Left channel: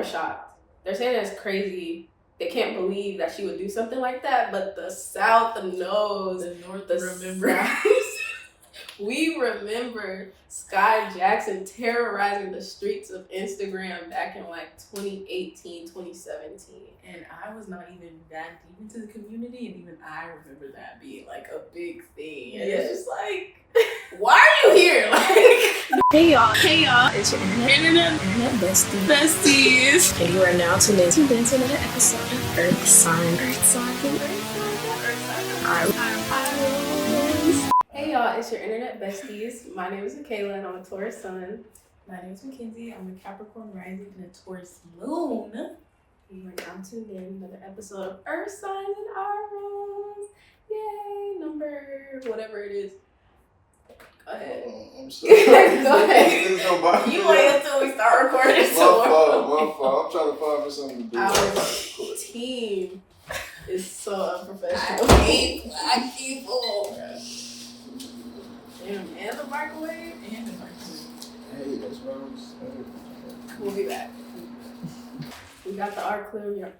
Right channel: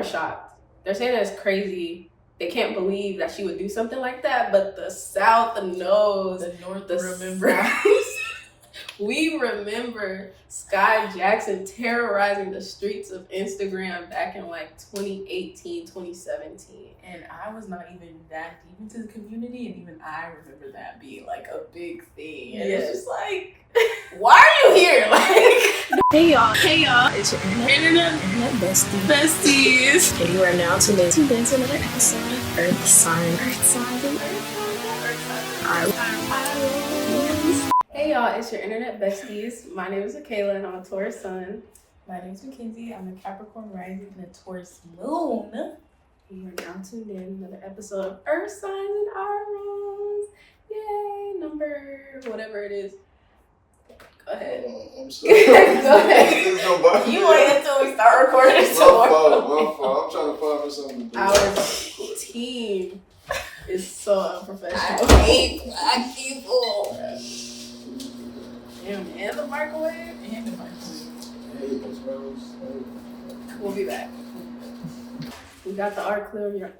are shocked. They're saying that it's crazy. They can't believe that she would do something like that, but the South knows. The North remembers. We remember Skai Jackson terrorizing the streets of Instagram back in like 2018, 2017. And I was not even that deep into the community, and even I remember that being like a big thing. And it's just like, why are you here? Like, hey y'all, it's your internet besties. And you are now tuned in to another episode of Earth Signs and Eyerolls. Hey y'all, it's your internet besties. My name is Makayla and I'm a Taurus sun. My name is Mckenzie. I'm a Capricorn rising and a Taurus moon. You are now tuned in to another episode of Earth Signs and Eyerolls. Yay, number whatever it is. Go ahead. I'm sorry. Go ahead. You wait until we start recording tomorrow. My fault. I'm trying to find something to do. Our team is so unprofessional. I hate black people. Damn, and the microwave? And the microwave. Hey, what's wrong? We'll be back. We got the all clear, y'all.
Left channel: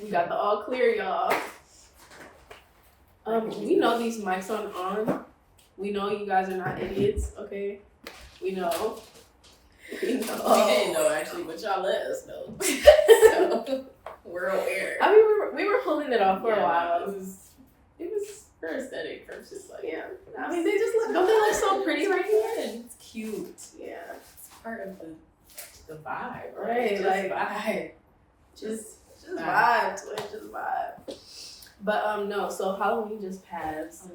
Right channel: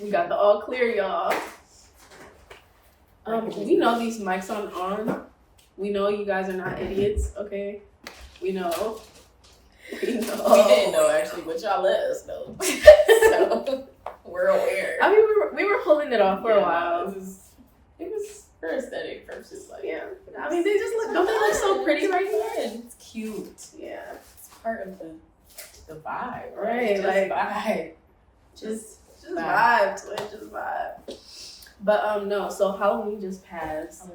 We got the all clear, y'all. We know these mics aren't on. We know you guys are not idiots, okay? We know. We didn't know actually, but y'all let us know. So we're aware. I mean, we were pulling it off for a while. It was for aesthetic purposes, like I mean, they just look. Don't they look so pretty right here? It's cute. Yeah, it's part of the vibe, right? Just like vibe. Just vibe, twin. Just vibe. But no. So Halloween just passed.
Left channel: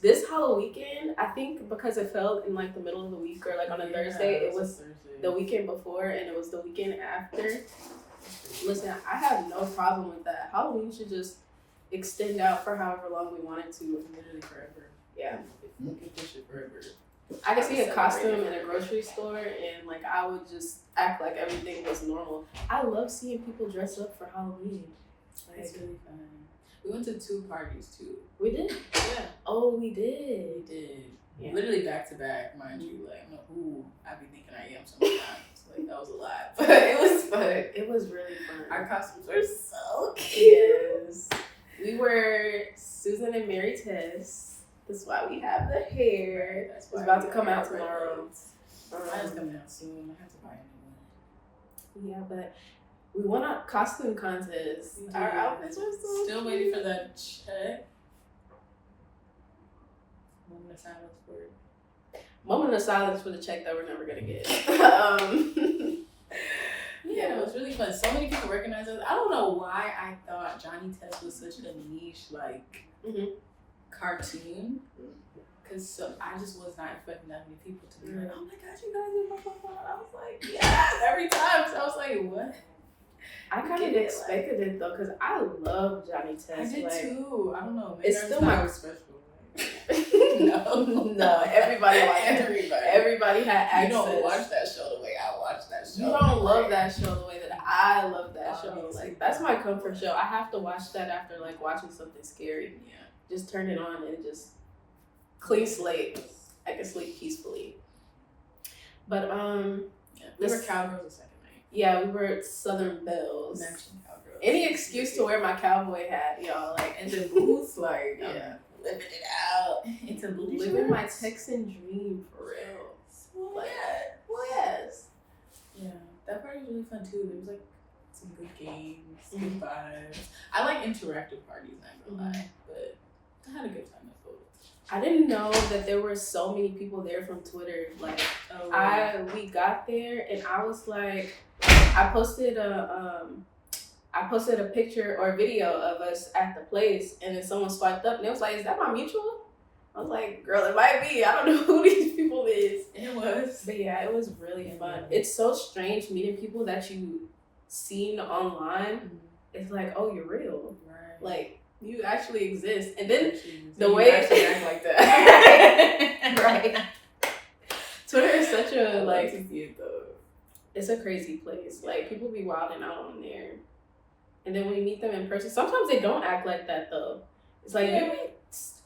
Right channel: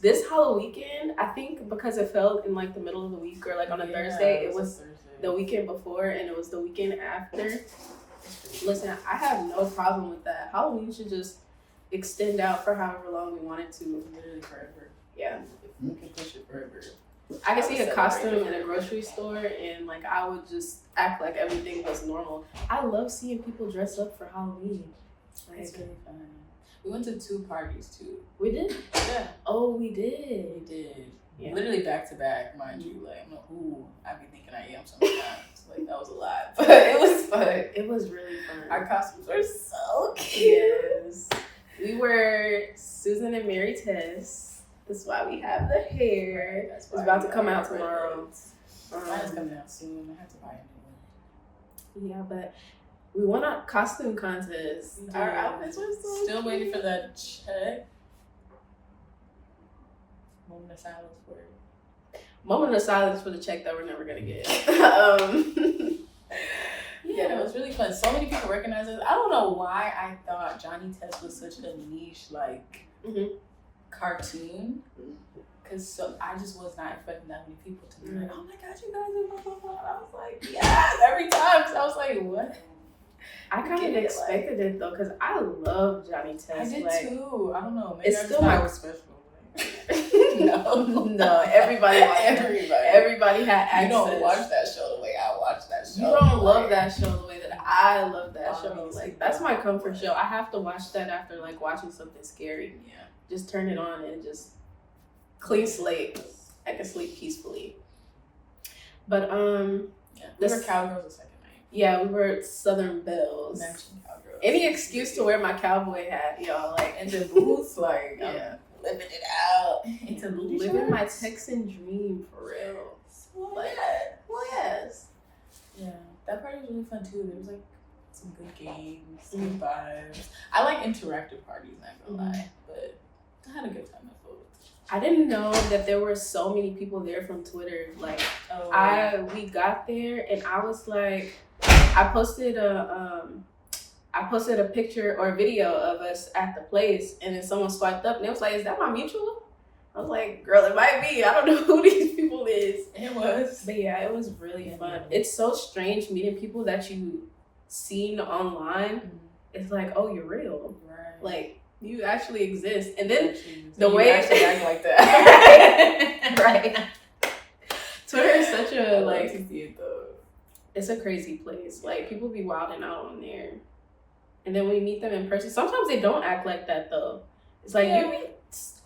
This Halloween weekend, I think because it fell in like the middle of the week or like on a Thursday, it was the weekend before and it was the weekend after. Listen, I have no problem with that. Halloween should just extend out for however long we want it to. Literally forever. Yeah. We can push it forever. I could see a costume in a grocery store and like I would just act like everything was normal. I love seeing people dress up for Halloween. It's really fun. We went to 2 parties too. We did? Yeah. Oh, we did. We did. Yeah. Literally back to back, mind you. Like, I'm like, ooh, I be thinking I am sometimes. Like, that was a lot. But it was fun. It was really fun. Our costumes were so cute. Yes. We were Susan and Mary Tess. That's why we have the hair. That's it's about to come out tomorrow. Mine is coming out soon. I have to buy a new one. Yeah, but we won a costume contest. Our outfits were still waiting for that check. Moment of silence for it. Moment of silence for the check that we're never gonna get. Yeah, it was really fun. So many people recognize us. I don't know why I thought Johnny Test was such a niche like cartoon. Because I just was not expecting that many people to be like, oh my gosh, you guys are blah, blah, blah. And I was like, yes, every time. So I was like, what? I kind of expected it though, because I love Johnny Test. I did too. I don't know. Maybe it's still my special. No. Everybody had access. You don't watch that show the way I watch that show. You don't love that show the way that I love that show. Like that's my comfort show. I have to watch that after like watching something scary. Yeah. Just turn it on and just clean slate. I can sleep peacefully. But we were cowgirls the second night. Yeah, we were Southern Belles. Any excuse to wear my cowboy hat, y'all. Like and the boots, like living it out. Into living my Texan dream for real. Well, yes. Yeah, that party was really fun too. There was like some good games, good vibes. I like interactive parties, not gonna lie, but I had a good time at both. I didn't know that there were so many people there from Twitter. Like, we got there and I was like, I posted a picture or a video of us at the place, and then someone swiped up and it was like, "Is that my mutual?" I was like, "Girl, it might be. I don't know who these people is." It was, but yeah, it was really fun. It's so strange meeting people that you seen online. It's like, oh, you're real, right? Like you actually exist, and then the way you actually act like that, right? Twitter is such a like. To see it though. It's a crazy place. Like people be wilding out on there. And then when you meet them in person, sometimes they don't act like that though. It's like you be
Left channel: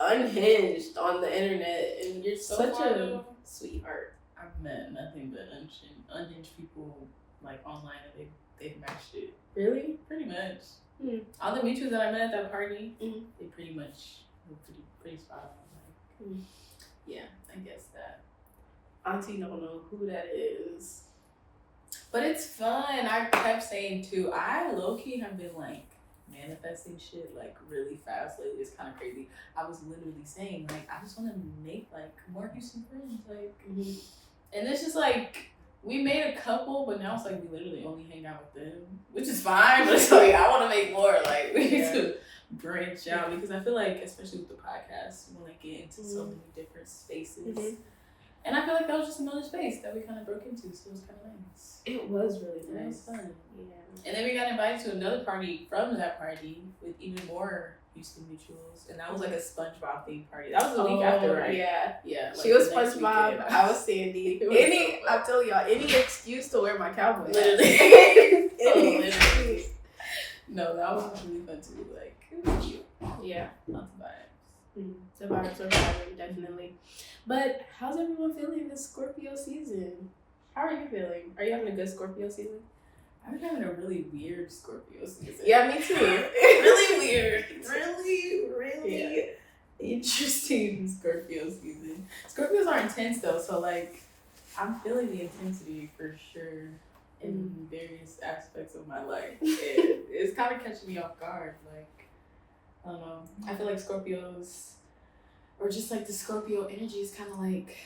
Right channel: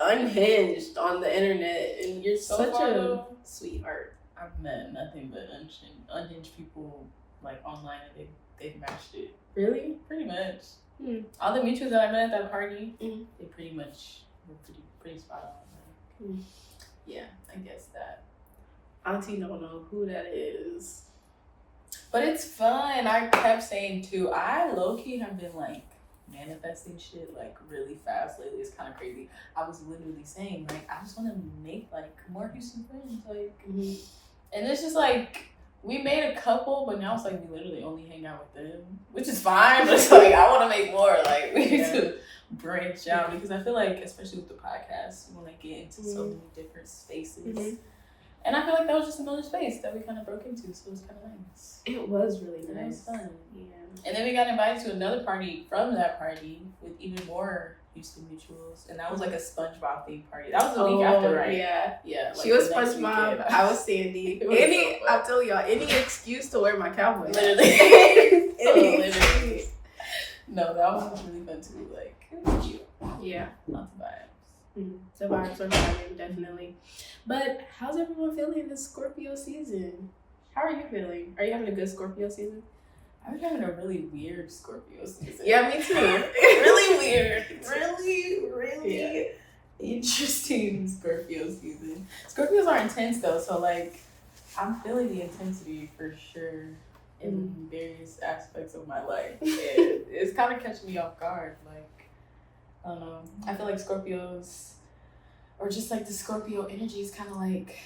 unhinged on the internet and you're such a sweetheart. I've met nothing but unhinged people like online and they matched it. Really? Pretty much. Hmm. All the mutuals that I met at that party, Mhm. they pretty much were pretty spot on. Like, yeah, I guess that. Auntie don't know who that is. But it's fun. I kept saying too, I low-key have been like manifesting shit like really fast lately. It's kind of crazy. I was literally saying like I just want to make like more Houston friends, like, and it's just like we made a couple, but now it's like we literally only hang out with them, which is fine. But it's like I want to make more. Like we need to branch out because I feel like, especially with the podcast, we want to get into so many different spaces. And I feel like that was just another space that we kind of broke into, so it was kind of nice. It was really nice. It was fun. Yeah. And then we got invited to another party from that party with even more Houston mutuals, and that was like a SpongeBob themed party. That was the week after, right? Yeah. Yeah. Like she was the next SpongeBob. weekend. I was Sandy. I'm telling y'all, any excuse to wear my cowboy hat. Literally. Any Literally. excuse. No, that was really fun too. Like, it was cute. Yeah. Lots of vibes. The vibes are vibing, definitely. But how's everyone feeling this Scorpio season? How are you feeling? Are you having a good Scorpio season? I'm having a really weird Scorpio season. Yeah, me too. Really weird. Really interesting Scorpio season. Scorpios are intense though, so like I'm feeling the intensity for sure in various aspects of my life. And it's kind of catching me off guard. Like, I don't know. I feel like Scorpios, or just like the Scorpio energy is kind of like,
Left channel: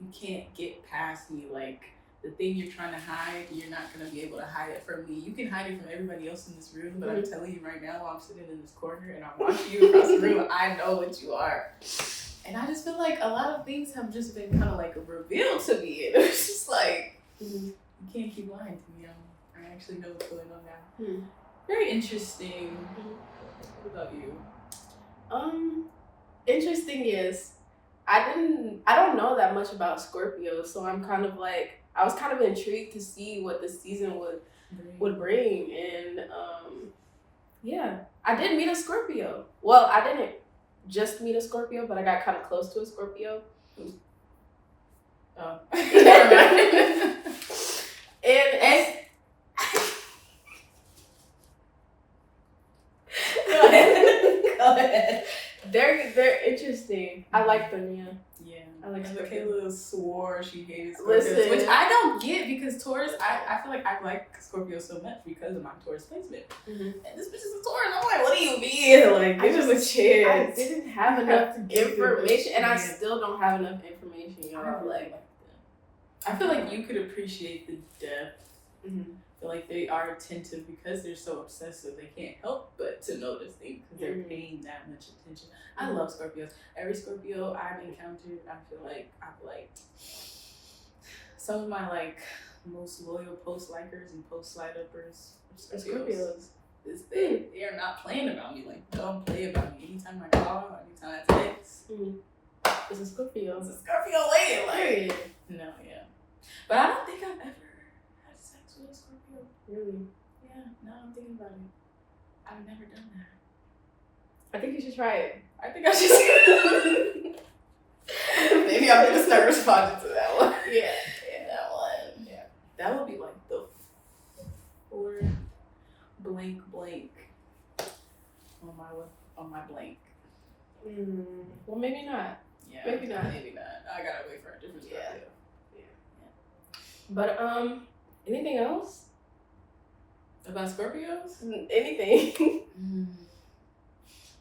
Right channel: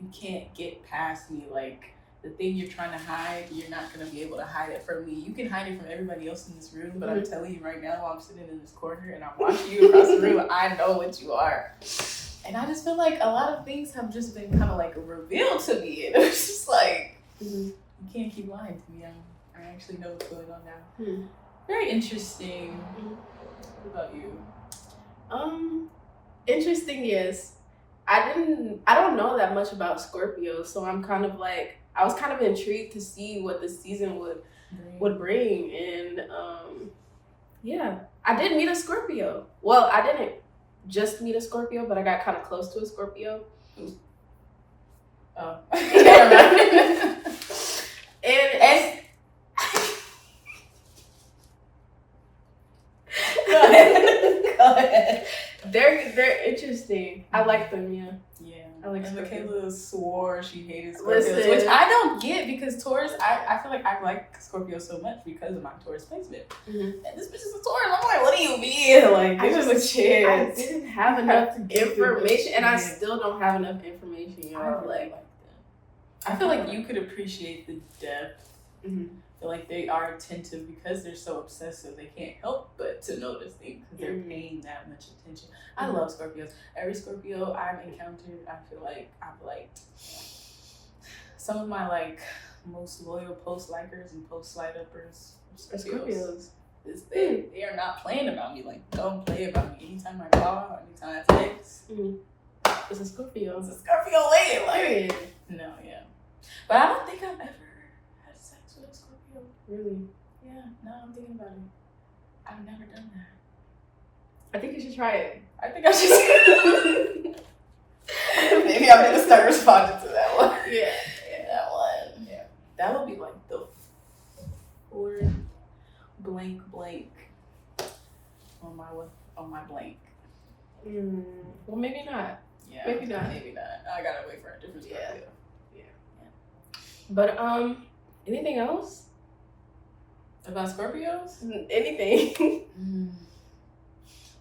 you can't get past me. Like, the thing you're trying to hide, you're not going to be able to hide it from me. You can hide it from everybody else in this room, but I'm telling you right now, while I'm sitting in this corner and I'm watching you across the room, I know what you are. And I just feel like a lot of things have just been kind of like revealed to me. And it's just like, you can't keep lying to me. I actually know what's going on now. Very interesting. What about you? Interesting, yes. I don't know that much about Scorpio, so I'm kind of like, I was kind of intrigued to see what the season would bring. And yeah, I did meet a Scorpio. Well, I didn't just meet a Scorpio, but I got kind of close to a Scorpio. Oh. and Go ahead. They're interesting. I like them, yeah. Yeah. I like and Scorpios. Makayla swore she hated Scorpios, Listen. which I don't get because Taurus, I feel like I like Scorpio so much because of my Taurus placement. And this bitch is a Taurus. I'm like, what do you mean? Like, give us a chance. I didn't have enough information, and I still don't have enough information, y'all. I really like them. I feel like you could appreciate the depth. I feel like they are attentive because they're so obsessive. They can't help but to notice things because they're paying that much attention. I love Scorpios. Every Scorpio I've encountered, I feel like I've liked. Some of my like most loyal post likers and post slide uppers are Scorpios. They are not playing about me. Like, don't play about me. Anytime I call, anytime I text, It's a Scorpio. it's a Scorpio lady. Like, Period. no, yeah. But I don't think I've ever had sex with a Scorpio. Really? Yeah, now I'm thinking about it. I've never done that. I think you should try it. I think I should. Maybe I'm gonna start responding to that one. Yeah. That one. Yeah. That would be like the 4 blank on my blank. Well, maybe not. Yeah. Maybe not. I gotta wait for a different Scorpio. But anything else? About Scorpios? Anything?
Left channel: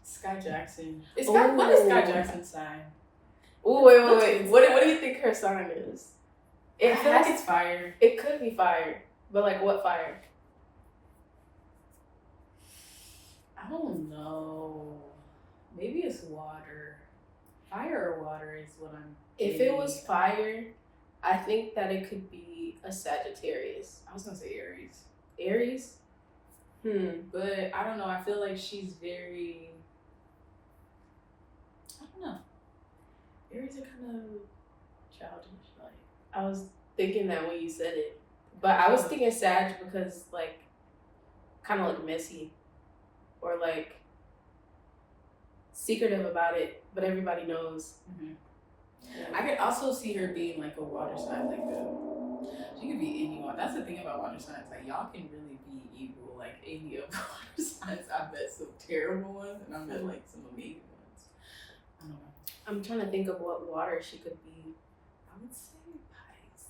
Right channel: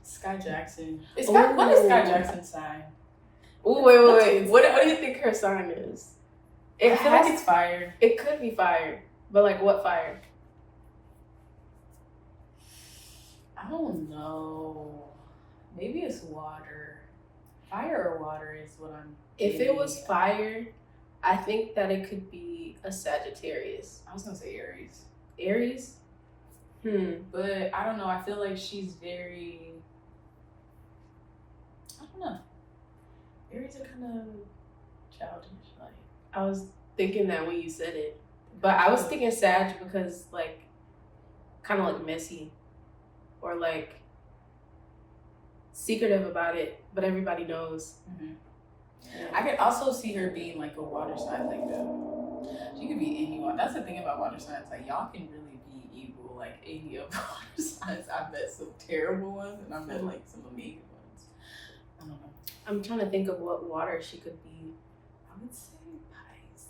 Skai Jackson. What is Skai Jackson's sign? Oh, wait. What do you think her sign is? I feel like it's fire. It could be fire, but like what fire? I don't know. Maybe it's water. Fire or water is what I'm If it getting. was fire, I think that it could be a Sagittarius. I was gonna say Aries. Aries? But I don't know. I feel like she's very. I don't know. Aries are kind of childish. Like, I was thinking that when you said it. But I was thinking Sag because like kind of like messy or like secretive about it, but everybody knows. I could also see her being like a water sign, like she could be any one. That's the thing about water signs, like y'all can really be evil. Like any of the water signs, I've met some terrible ones, and I've met like some amazing ones. I don't know. I'm trying to think of what water she could be. I would say Pisces.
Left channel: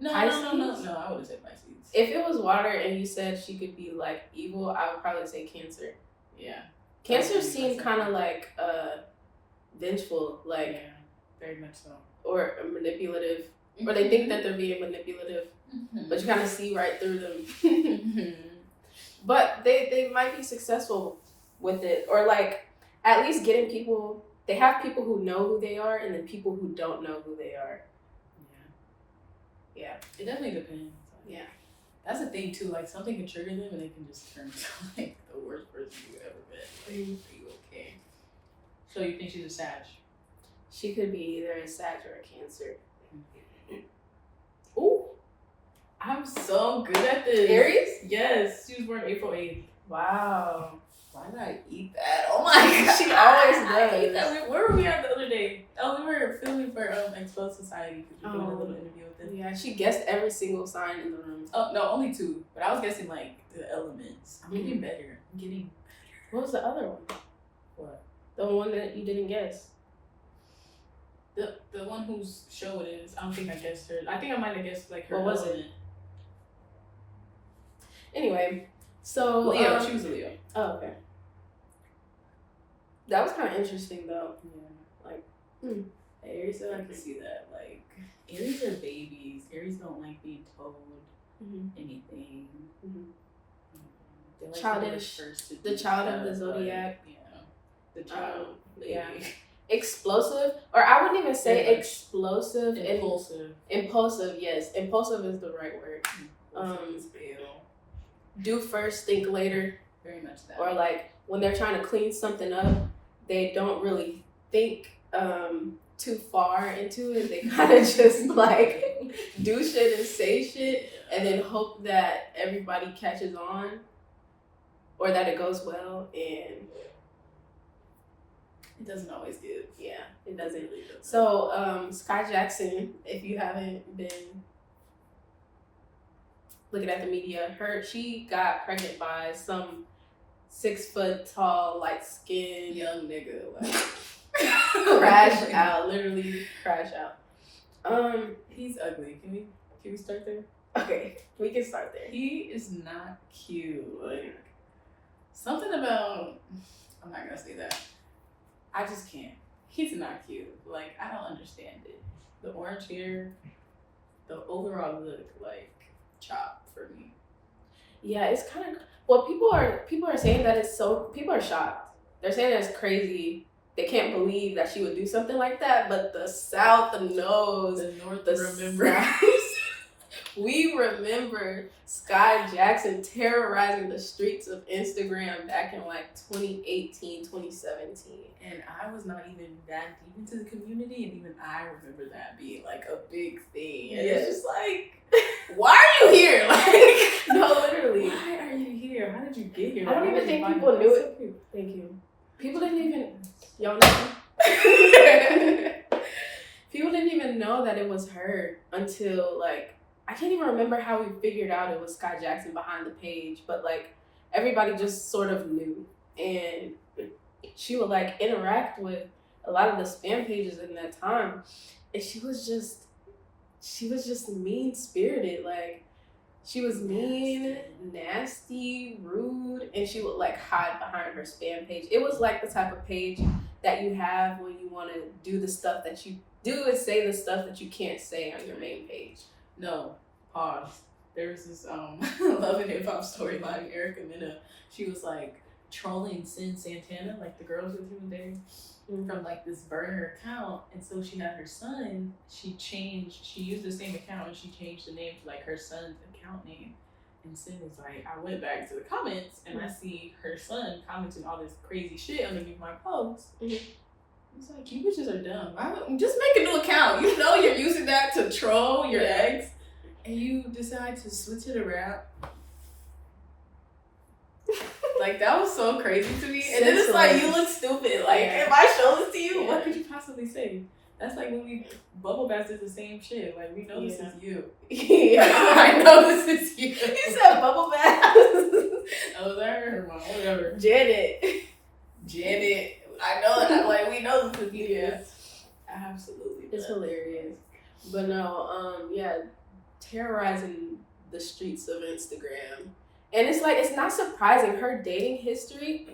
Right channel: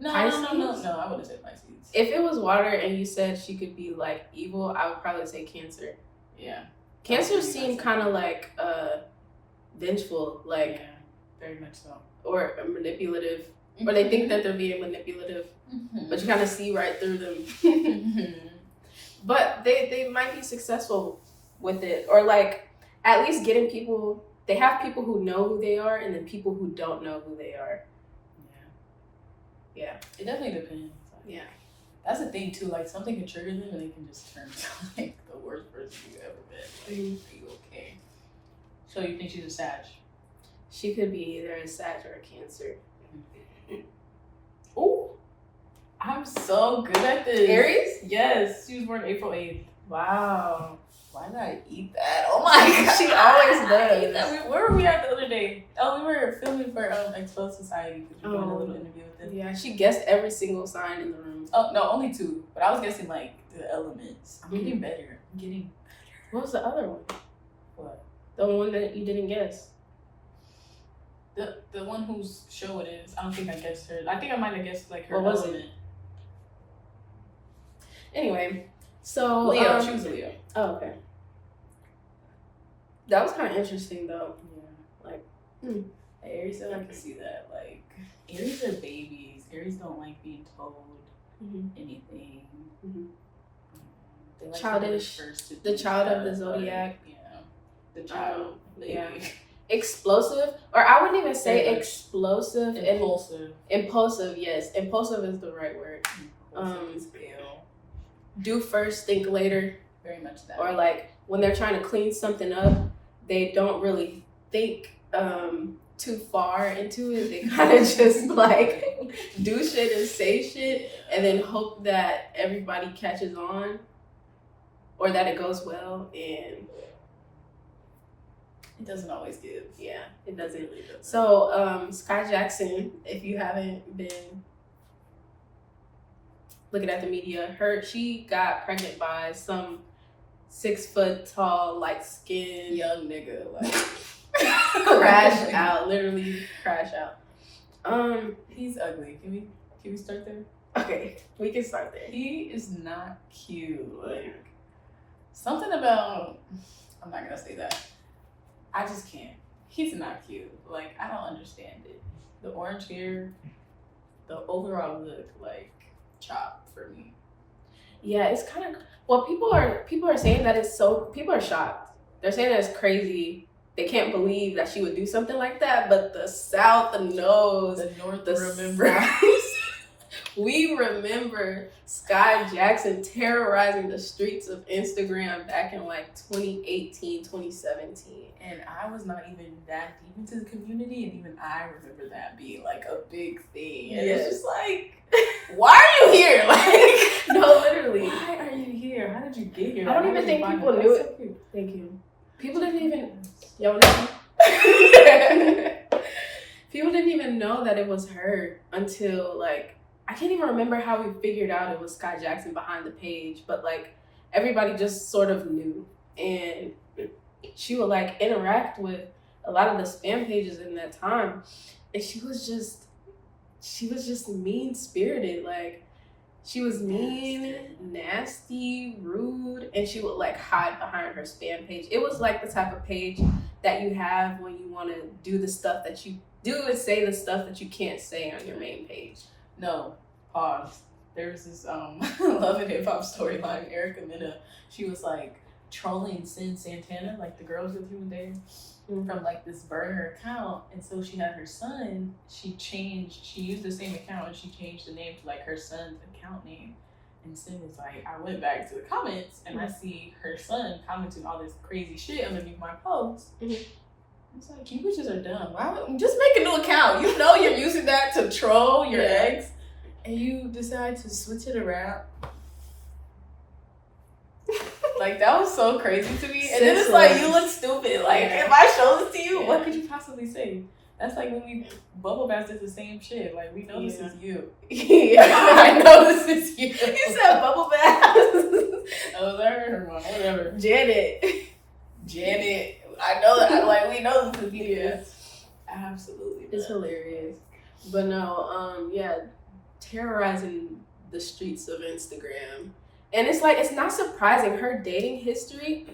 Pisces? No. I wouldn't say Pisces. If it was water and you said she could be like evil, I would probably say Cancer. Yeah. Cancer seem kind of like vengeful, like yeah, very much so, or manipulative, or they think that they're being manipulative, but you kind of see right through them. But they might be successful with it, or like at least getting people. They have people who know who they are, and then people who don't know who they are. Yeah. It definitely depends. Yeah. That's the thing too. Like something can trigger them, and they can just turn into like the worst person you ever met. Like, are you okay? So you think she's a Sag? She could be either a Sag or a Cancer. Ooh, I'm so good at this. Aries? Yes, she was born April 8th. Wow. Why did I eat that? Oh my god. She always I does. ate that. Where were we at the other day? Oh, we were filming for Exposed Society. We were doing a little interview with them. Yeah, she guessed every single sign in the room. Oh, no, only 2. But I was guessing like the elements. I'm getting better. What was the other one? What? The one that you didn't guess. The one whose show it is. I don't think I guessed her. I think I might have guessed like her What was element. Anyway, so Leo. She was a Leo. Oh, okay. That was kind of interesting though. Yeah. Like, Aries, I can see that. Like, Aries are babies. Aries don't like being told anything. They like Childish. To the child of the zodiac. Yeah. The child. Yeah. Explosive, or I wouldn't even say explosive. Impulsive, yes. Impulsive is the right word. Do first, think later. Very much that. Or like when they're trying to clean something up, they don't really think too far into it. They kind of just like do shit and say shit and then hope that everybody catches on or that it goes well, and it doesn't always do. Yeah, it doesn't. It really doesn't. So Skai Jackson, if you haven't been looking at the media, she got pregnant by some 6 foot tall, light skinned young nigga, like crash out, literally crash out. He's ugly. Can we start there? Okay, we can start there. He is not cute. Like something about, I'm not gonna say that. I just can't. He's not cute. Like I don't understand it. The orange hair, the overall look, like chop for me. Yeah, it's kind of. Well, people are saying that it's so. People are shocked. They're saying that it's crazy. They can't believe that she would do something like that. But the South, the North, remember. We remember Skai Jackson terrorizing the streets of Instagram back in like 2018, 2017. And I was not even that deep into the community, and even I remember that being like a big thing. And it's just like, why are you here? Like, no, literally. Why are you here? How did you get here? I don't even think people knew it. Thank you. People didn't even, people didn't even know that it was her until like, I can't even remember how we figured out it was Skai Jackson behind the page, but like everybody just sort of knew. And she would like interact with a lot of the spam pages in that time. And she was just mean spirited. Like she was mean, nasty, rude, and she would like hide behind her spam page. It was like the type of page that you have when you want to do the stuff that you do and say the stuff that you can't say on your main page. No, pause. There was this Love and Hip Hop storyline. Erica Mena, she was like trolling Sin Santana, like the girls with him there, from like this burner account. And so she had her son. She used the same account and she changed the name to like her son's account name. And Sin was like, I went back to the comments and I see her son commenting all this crazy shit underneath my post. It's like, you bitches are dumb. Just make a new account. You know you're using that to troll your ex, and you decide to switch it around. Like, that was so crazy to me. And then it's like, you look stupid. Like, if I show this to you, what could you possibly say? That's like when we bubble bath did the same shit. Like, we know this is you. Yeah. I know this is you. You said bubble bath. Oh, that her mom, whatever. Janet. I know that. Like, we know this is you. Yeah. Absolutely. It's hilarious. But no, yeah, terrorizing the streets of Instagram. And it's like, it's not surprising. Her dating history,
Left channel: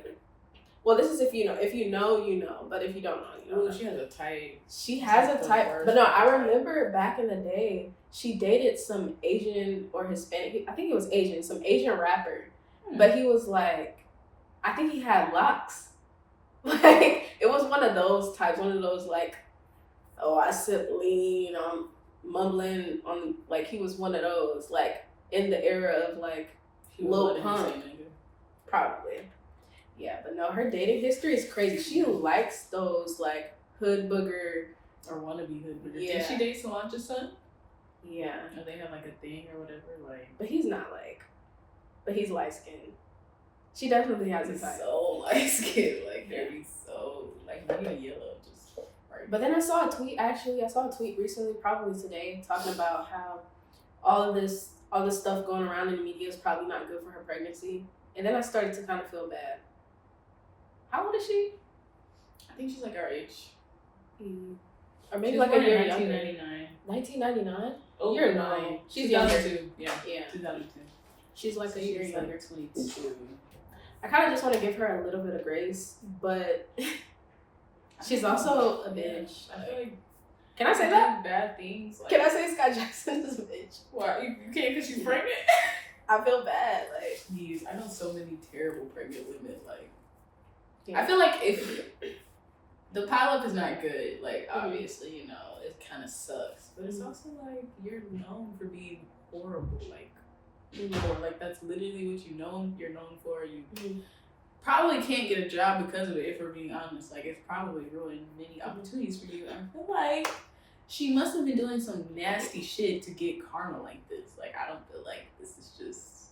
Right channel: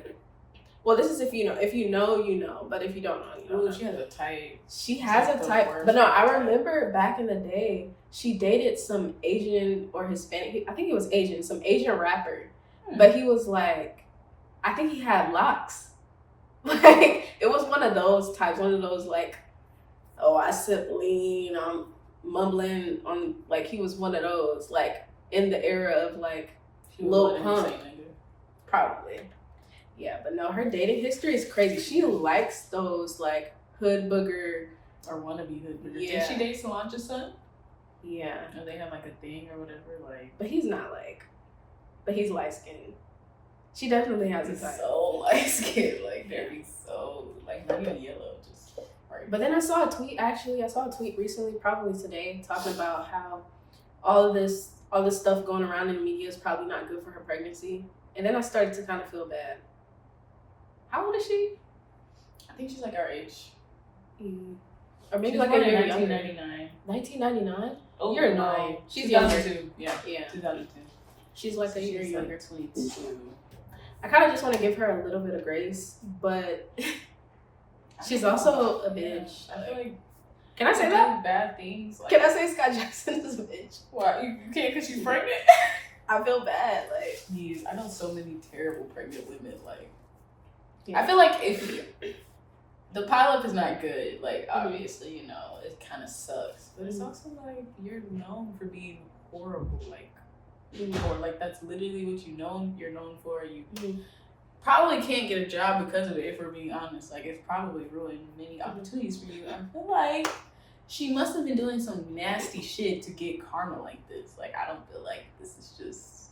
well, this is if you know, you know, but if you don't know, you don't know. She has a type. She has a type, but no, I remember back in the day, she dated some Asian or Hispanic, I think he was Asian, some Asian rapper, but he was like, I think he had locks. Like, it was one of those types, one of those like, oh, I sip lean, I'm mumbling on, like, he was one of those, like, in the era of, like, Lil Pump. Probably. Yeah, but no, her dating history is crazy. She likes those, like, hood booger. Or wannabe hood booger. Yeah. Did she date Solange's son? Yeah. Or they have, like, a thing or whatever, like. But he's not, like, but he's light-skinned. She definitely has a type. So light-skinned, like, they'd be so, like, not even yellow, just. Right. But then I saw a tweet recently, probably today, talking about how all this stuff going around in the media is probably not good for her pregnancy. And then I started to kind of feel bad. How old is she? I think she's like our age. Or maybe She's like born a year in younger. 1999. 1999? Oh, You're no. nine. She's 2002. Yeah. 2002. She's like a year younger, 22. I kind of just want to give her a little bit of grace, but she's also a bitch. I feel like. Can I say that? Bad things. Like, Can I say Skai Jackson is a bitch? Why? You can't because she's pregnant? I feel bad. Like, Jeez, I know so many terrible pregnant women. Like, yeah. I feel like if the pileup is not good, like, obviously, you know, it kind of sucks. But it's also like you're known for being horrible. Like, or like that's literally what you're known for. You probably can't get a job because of it, if we're being honest. Like, it's probably ruined many opportunities for you. I feel like she must have been doing some nasty shit to get karma like this. Like, I don't feel like this is just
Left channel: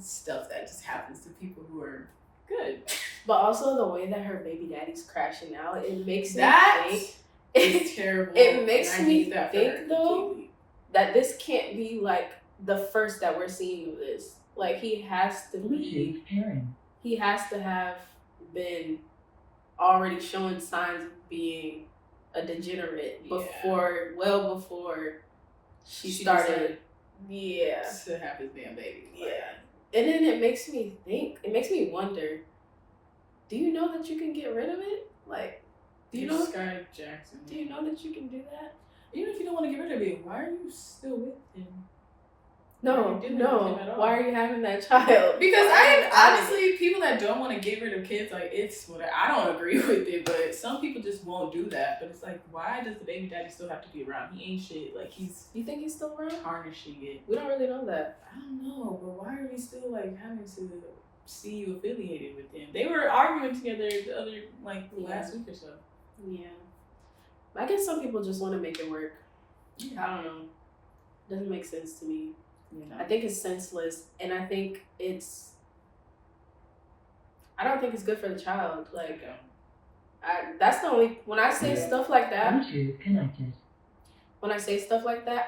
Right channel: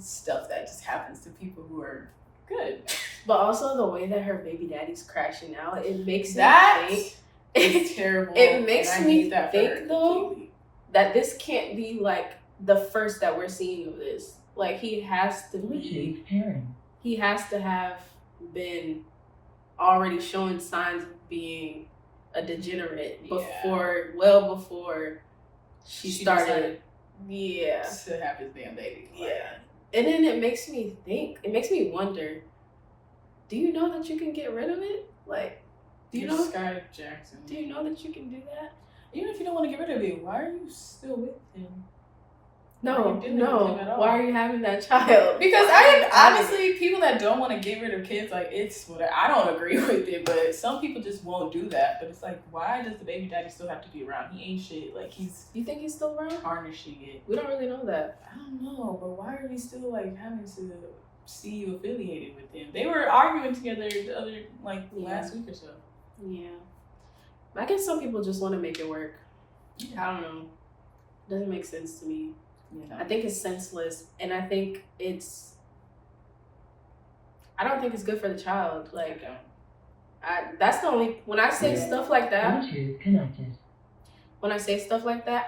stuff that just happens to people who are good. But also the way that her baby daddy's crashing out, it makes That me think it's terrible. It makes me that think though that this can't be like the first that we're seeing of this. Like, he has to have been already showing signs of being a degenerate well before she started. To have his damn baby. Like, And then it makes me wonder, do you know that you can get rid of it? Like, do you know Skai Jackson? Do you know that you can do that? Even if you don't want to get rid of it, why are you still with him? No. Why are you having that child? Because honestly, people that don't want to get rid of kids, like, it's what I don't agree with it, but some people just won't do that. But it's like, why does the baby daddy still have to be around? He ain't shit. Like, You think he's still around? tarnishing it. We don't really know that. I don't know, but why are we still like having to see you affiliated with him? They were arguing together the other last week or so. Yeah. I guess some people just want to make it work. I don't know. Doesn't make sense to me. You know? I think it's senseless, and I think I don't think it's good for the child. Like, that's the only, when I say stuff like that,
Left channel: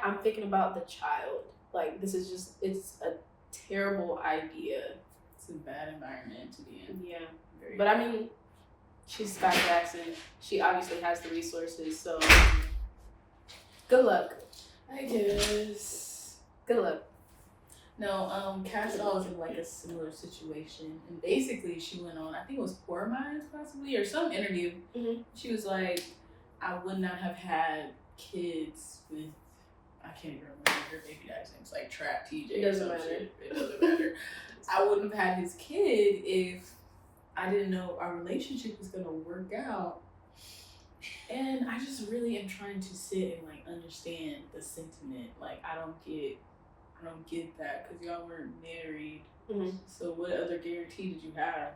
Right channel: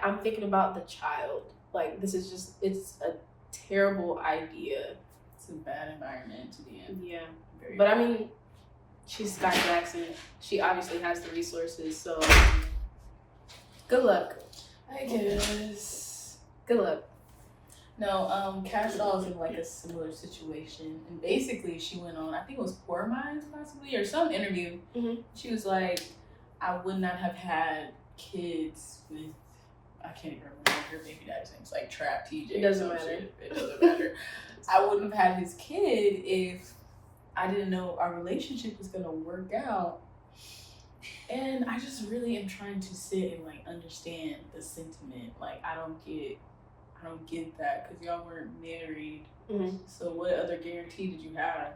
I'm thinking about the child. Like, this is just, it's a terrible idea. It's a bad environment to be in. Yeah. But I mean, she's Skai Jackson. She obviously has the resources, so good luck. I guess. Good luck. No, Cass Doll is in like a similar situation, and basically she went on, I think it was Poor Minds possibly, or some interview. She was like, I would not have had kids with, I can't even remember her baby daddy's name. It's like Trap TJ. It doesn't matter. It doesn't matter. I wouldn't have had his kid if I didn't know our relationship was gonna work out. And I just really am trying to sit and like understand the sentiment. Like, I don't get that because y'all weren't married. So what other guarantee did you have?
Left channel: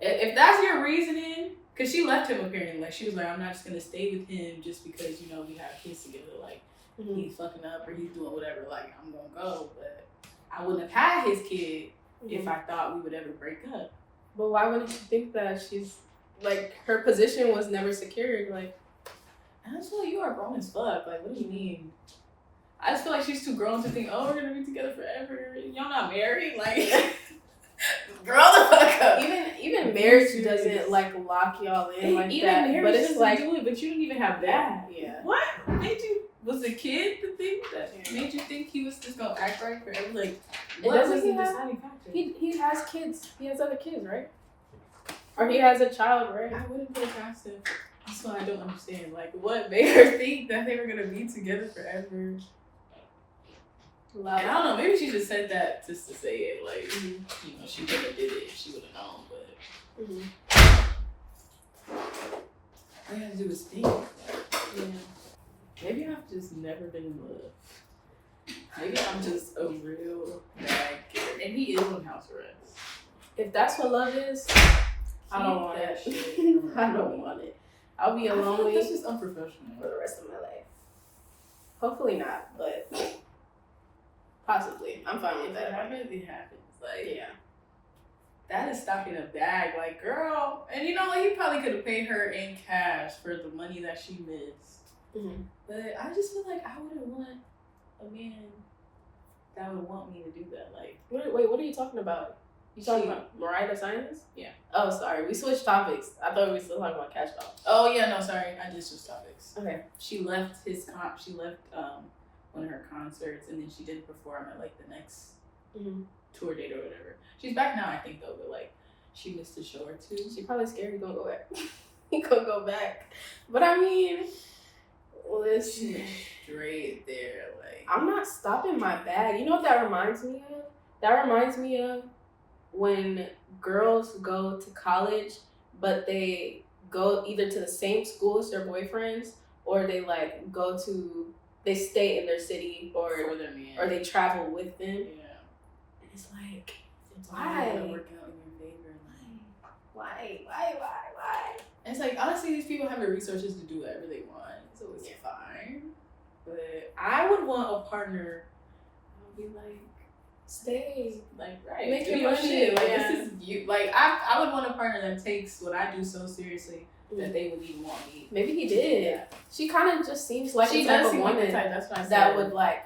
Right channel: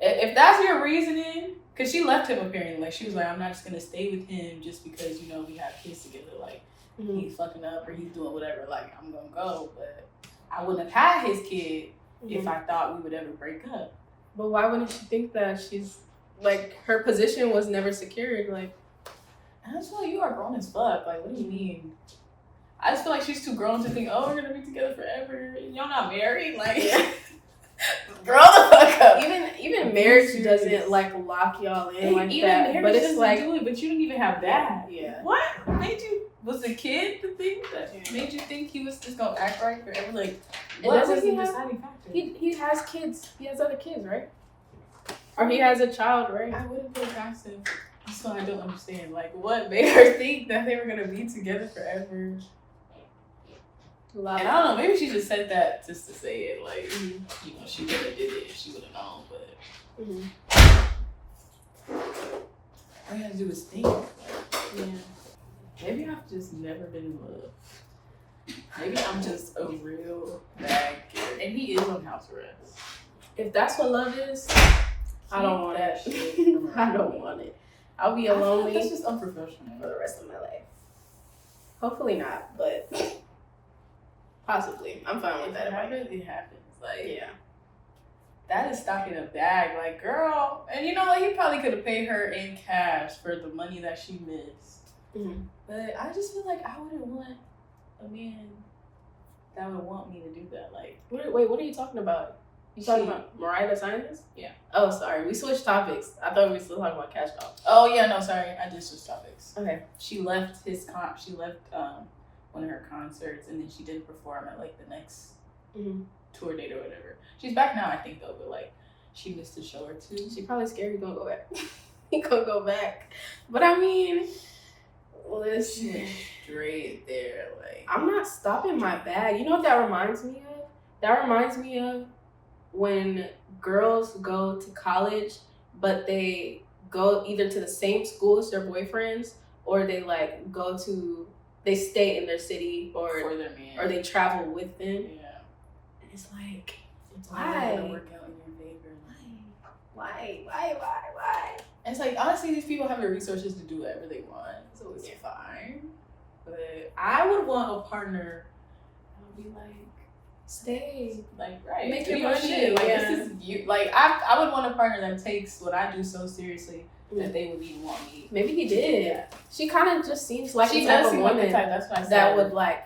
If that's your reasoning, because she left him apparently. Like, she was like, I'm not just gonna stay with him just because, you know, we have kids together. Like, he's fucking up or he's doing whatever. Like, I'm gonna go, but I wouldn't have had his kid if I thought we would ever break up. But why wouldn't she think that? She's like, her position was never secured. Like, And I just feel like you are grown as fuck. Like, what do you mean? I just feel like she's too grown to think, oh, we're gonna be together forever. Y'all not married? Like, grow the fuck up. Even marriage doesn't like lock y'all in like even that. Marriage But it's doesn't like, do it. But you didn't even have that. yeah. What made you? Was the kid the thing that made you think he was just gonna act right forever? Like, what was the deciding factor? He has kids. He has other kids, right? Or he has a child, right? I wouldn't put it past him. That's what I don't understand. Like, what made her think that they were gonna be together forever? And I don't know, maybe she just said that just to say it. Like, you know, she would have did it if she would have known, but all you gotta do is think. Yeah. Maybe I've just never been in love. Maybe I'm just a real bad kid. And he is on house arrest. If that's what love is, I don't want that it. shit. I don't want it. I'll be I feel like lonely that's just unprofessional. for the rest of my life. Hopefully not, but possibly. I'm fine with If that. it happens, it happens. Like, Yeah. that is stock in a bag. Like, girl. And you know what? He probably could have paid her in cash for the money that she missed. Mm-hmm. But I just feel like I wouldn't want a man that would want me to do that. Like, Wait, what are you talking about? You talking about Mariah the Scientist? Yeah. Oh, sorry. We switched topics. I thought we were still talking about Cash Doll. oh yeah, no, sorry, I just switched topics. Okay. She left one of her concerts, and then she didn't perform at like the next tour date or whatever. She's back now, I think, though, but like she missed a show or two. She probably scared he gonna go back. He gonna go back. But I mean, listen. Straight there, like I'm not stopping my bag. You know what that reminds me of? That reminds me of when girls go to college, but they go either to the same school as their boyfriends, or they like they stay in their city, for their man, or they travel with them. Yeah. And it's like, It's why? all gonna work out in your favor. Why? And it's like, honestly, these people have the resources to do whatever they want, so it's fine. But I would want a partner that would be like, Stay. like, right, Make do your your money, shit. Like, yeah. this is you. Like, I would want a partner that takes what I do so seriously that they would even want me. Maybe he did. Yeah. She kind of just seems like She the type does of seem like woman the type. That's what I said. that would like.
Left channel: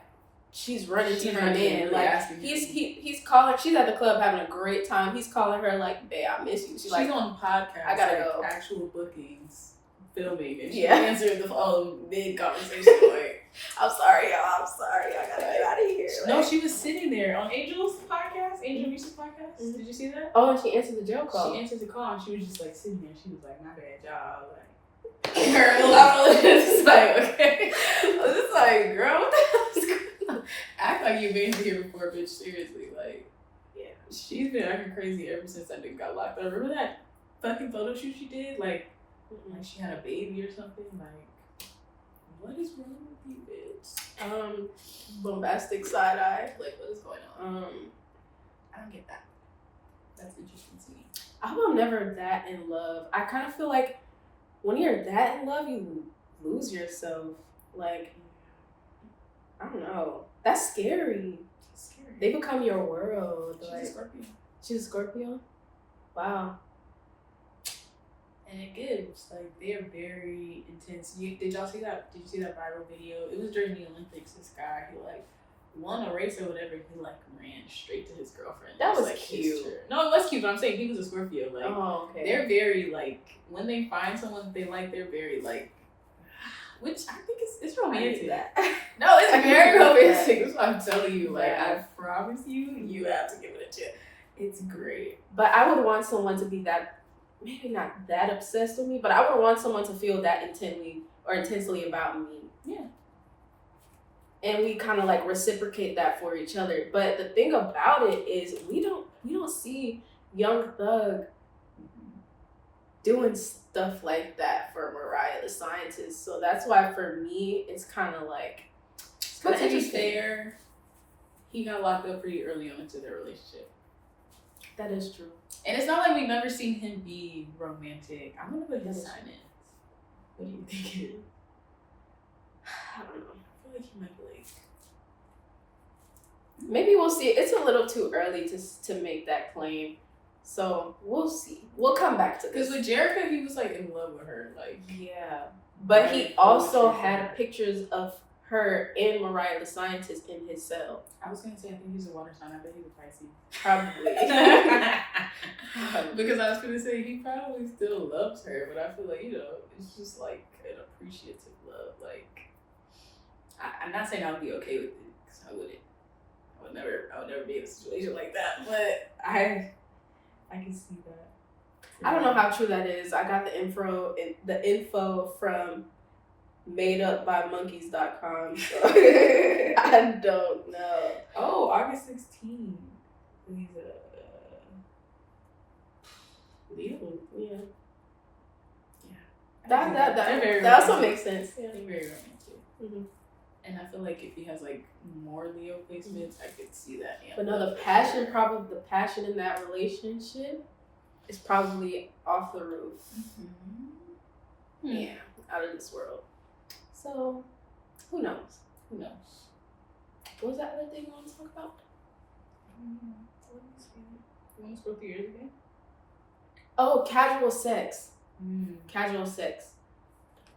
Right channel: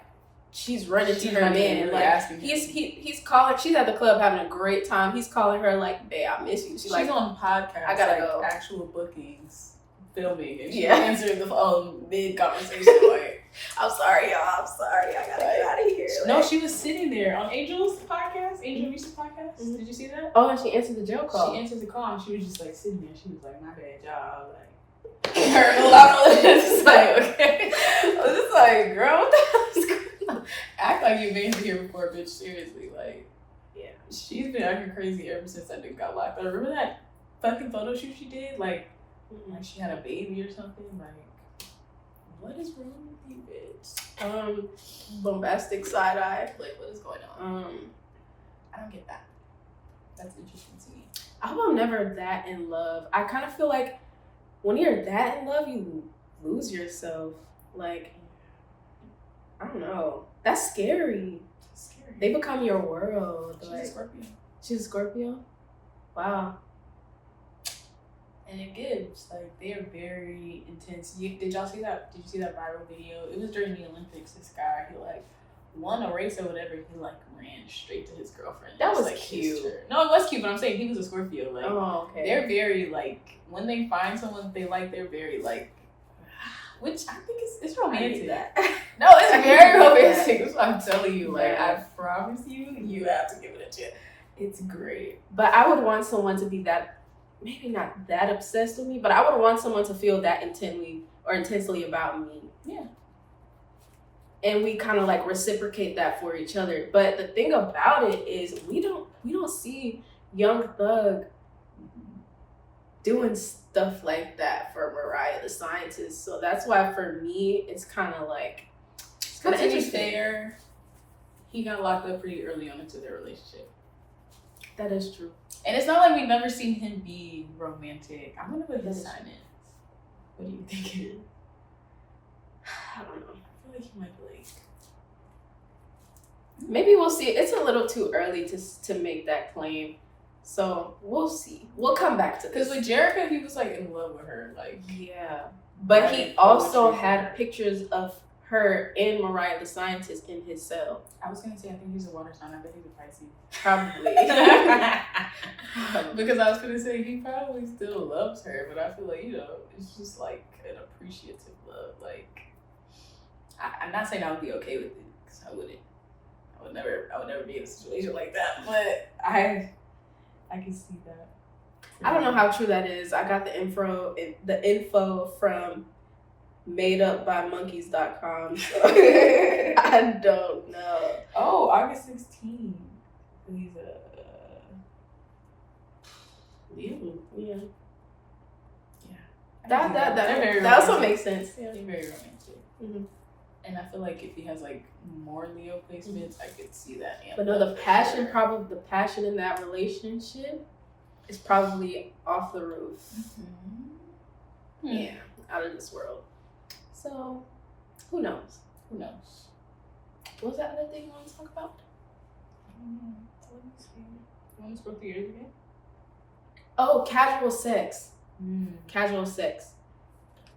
She's running to her man. really Like asking he's calling. She's at the club having a great time. He's calling her like, "Babe, I miss you." She's She's like, on podcasts. I gotta like, go. Actual bookings, filming, and she's Yeah. answering the phone mid conversation. Like, "I'm sorry, y'all. I'm sorry. I gotta get out of here." no, she was sitting there on Angel's podcast, Angel Reese's podcast. Mhm. Did you see that? Oh, and she answered the jail call. She answered the call and she was just like sitting there. She was like, "My bad, y'all." Like, Her laugh it's like, okay. I was just like, girl, what the hell is going on? Act like you've been here before, bitch. Seriously, like, Yeah. she's been acting crazy ever since that nigga got locked up. Remember that fucking photo shoot she did? Like she had a baby or something. Like, what is wrong with you, bitch? Bombastic side eye. Like, what is going on? I don't get that. That's interesting to me. I hope I'm never that in love. I kind of feel like when you're that in love, you lose yourself. Like, I don't know. That's scary. It's scary. They become your world. She's Like, a Scorpio. she's a Scorpio? Wow. And it gives. Like, they are very intense. Did y'all see that? Did you see that viral video? It was during the Olympics. This guy, he like won a race or whatever. He like ran straight to his girlfriend. That was like cute. kissed her. No, it was cute, but I'm saying he was a Scorpio. Like, Oh, okay. they're very like, when they find someone they like, they're very like, which I think it's romantic. No, it's very romantic. That's what I'm telling you. Like, Yeah. I promise you, you have to give it a chance. It's great. But I would want someone to be that, maybe not that obsessed with me, but I would want someone to feel that intensely about me. Yeah. And we kind of like reciprocate that for each other. But the thing about it is we don't see Young Thug doing stuff like that for Mariah the Scientist. So that's why for me it's kind of like, it's kind of But to be interesting. fair, he got locked up pretty early on into their relationship. That is true. And it's not like we've never seen him be romantic. I'm gonna put his sign in. What do you think it is? I don't know. I feel like he might be like, Maybe we'll see. It's a little too early to make that claim. So we'll see. We'll come back to this. because with Jerica, he was like in love with her. Like, Yeah. But he also had pictures of her and Mariah the Scientist in his cell. I was gonna say I think he's a water sign. I bet he's a Pisces. Probably. Because I was gonna say he probably still loves her, but I feel like, you know, it's just like an appreciative love. Like, I'm not saying I would be okay with it, because I wouldn't. I would never be in a situation like that. But I can see that. I don't know how true that is. I got the info from madeupbymonkeys.com. So I don't know. Oh, August 16th. He's a Leo. Yeah. Yeah. That also makes sense. Yeah, they're very romantic. Mm-hmm. And I feel like if he has like more Leo placements, I could see that. But no, the passion in that relationship is probably off the roof. Mm-hmm. Yeah, out of this world. So, who knows? Who knows? What was that other thing you want to talk about? Let me see. You want to scroll through yours again? Oh, casual sex. Casual sex.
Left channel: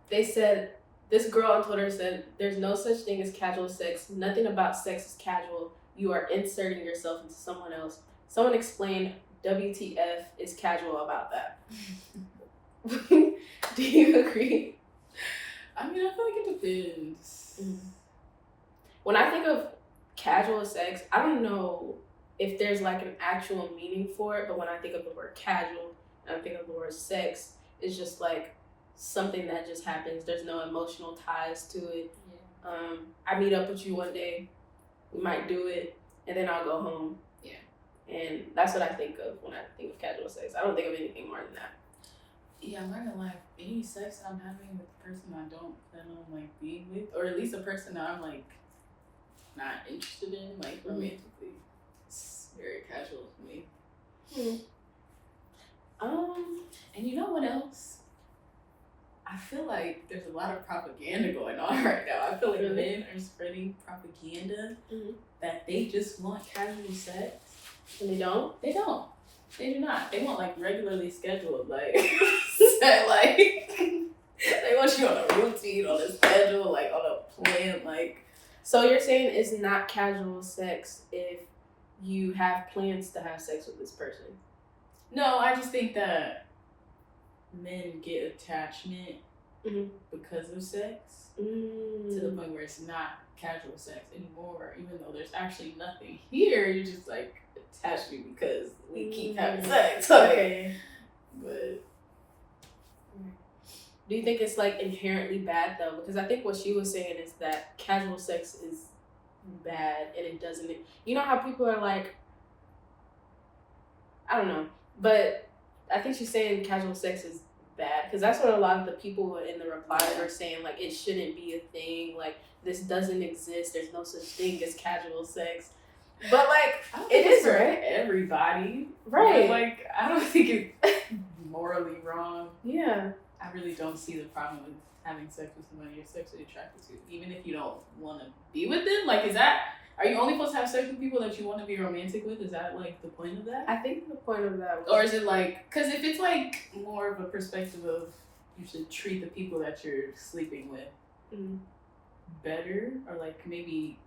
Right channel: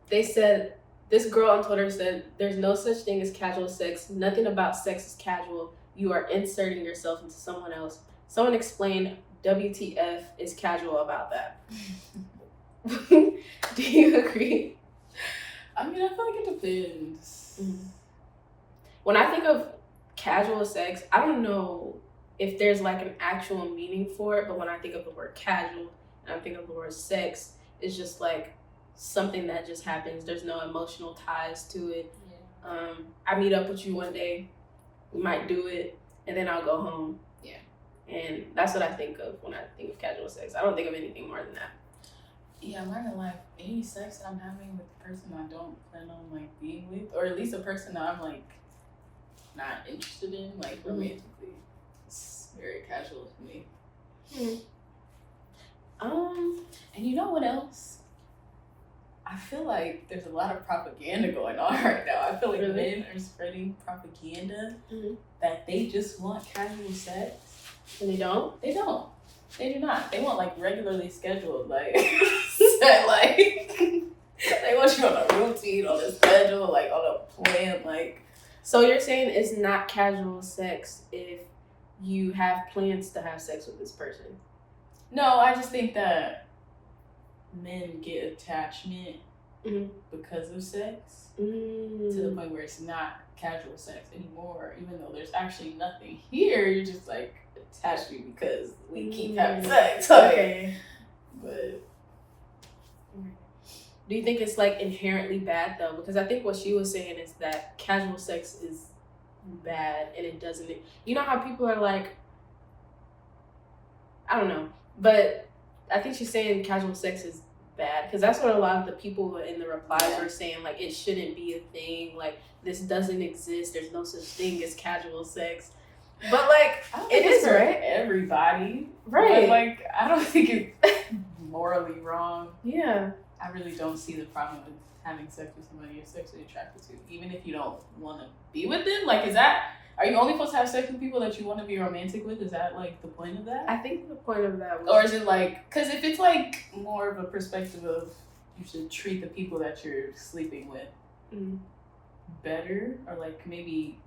They said, this girl on Twitter said, there's no such thing as casual sex. Nothing about sex is casual. You are inserting yourself into someone else. Someone explained WTF is casual about that. Do you agree? I mean, I feel like it depends. Mm-hmm. When I think of casual sex, I don't know if there's like an actual meaning for it, but when I think of the word casual and I think of the word sex, it's just like something that just happens. There's no emotional ties to it. Yeah. I meet up with you one day, we might do it, and then I'll go home. Yeah. And that's what I think of when I think of casual sex. I don't think of anything more than that. Yeah, I'm not gonna lie. Any sex that I'm having with the person I don't plan on like being with, or at least a person that I'm like not interested in, like romantically, it's very casual to me. And you know what else? I feel like there's a lot of propaganda going on right now. I feel like men are spreading propaganda that they just want casual sex. And they don't? They don't. They do not. They want like regularly scheduled, like, like they want you on a routine, on a schedule, like on a plan, like. So you're saying it's not casual sex if you have plans to have sex with this person? No, I just think that men get attachment because of sex to the point where it's not casual sex anymore, even though there's actually nothing here. You're just like attached to me because we keep having sex. Like, okay. But do you think it's like inherently bad though? Because I think what she was saying is that casual sex is bad and it doesn't. You know how people are like, I don't know, but I think she's saying casual sex is bad because that's what a lot of the people in the replies are saying. Like, it shouldn't be a thing. Like, this doesn't exist. There's no such thing as casual sex. But like, it is, right? Everybody, right? But like, I don't think it's morally wrong. Yeah. I really don't see the problem with having sex with somebody you're sexually attracted to, even if you don't want to be with them. Like, are you only supposed to have sex with people that you want to be romantic with? Is that like the point of that? I think the point of that was, or is it like, because if it's like more of a perspective of you should treat the people that you're sleeping with better, or like maybe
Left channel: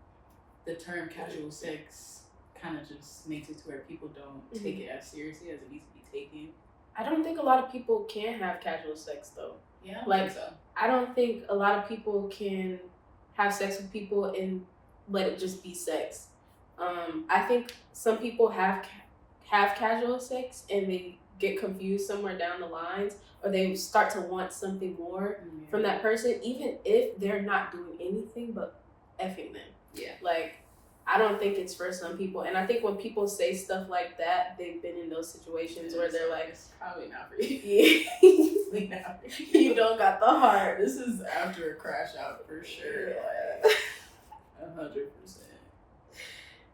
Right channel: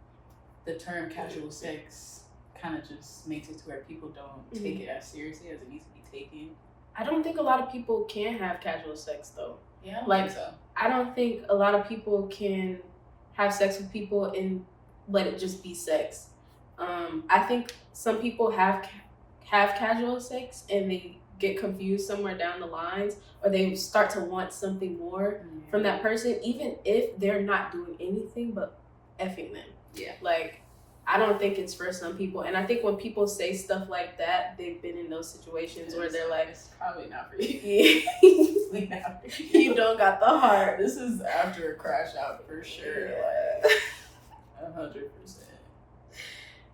the term casual sex kind of just makes it to where people don't take it as seriously as it needs to be taken. I don't think a lot of people can have casual sex though. Yeah, like, so. I don't think a lot of people can have sex with people and let it just be sex. I think some people have casual sex and they get confused somewhere down the lines, or they start to want something more from that person, even if they're not doing anything but effing them. Yeah. Like, I don't think it's for some people. And I think when people say stuff like that, they've been in those situations where they're like, it's probably not for you. Yeah. You don't got the heart. This is after a crash out for sure. Yeah. Like 100%.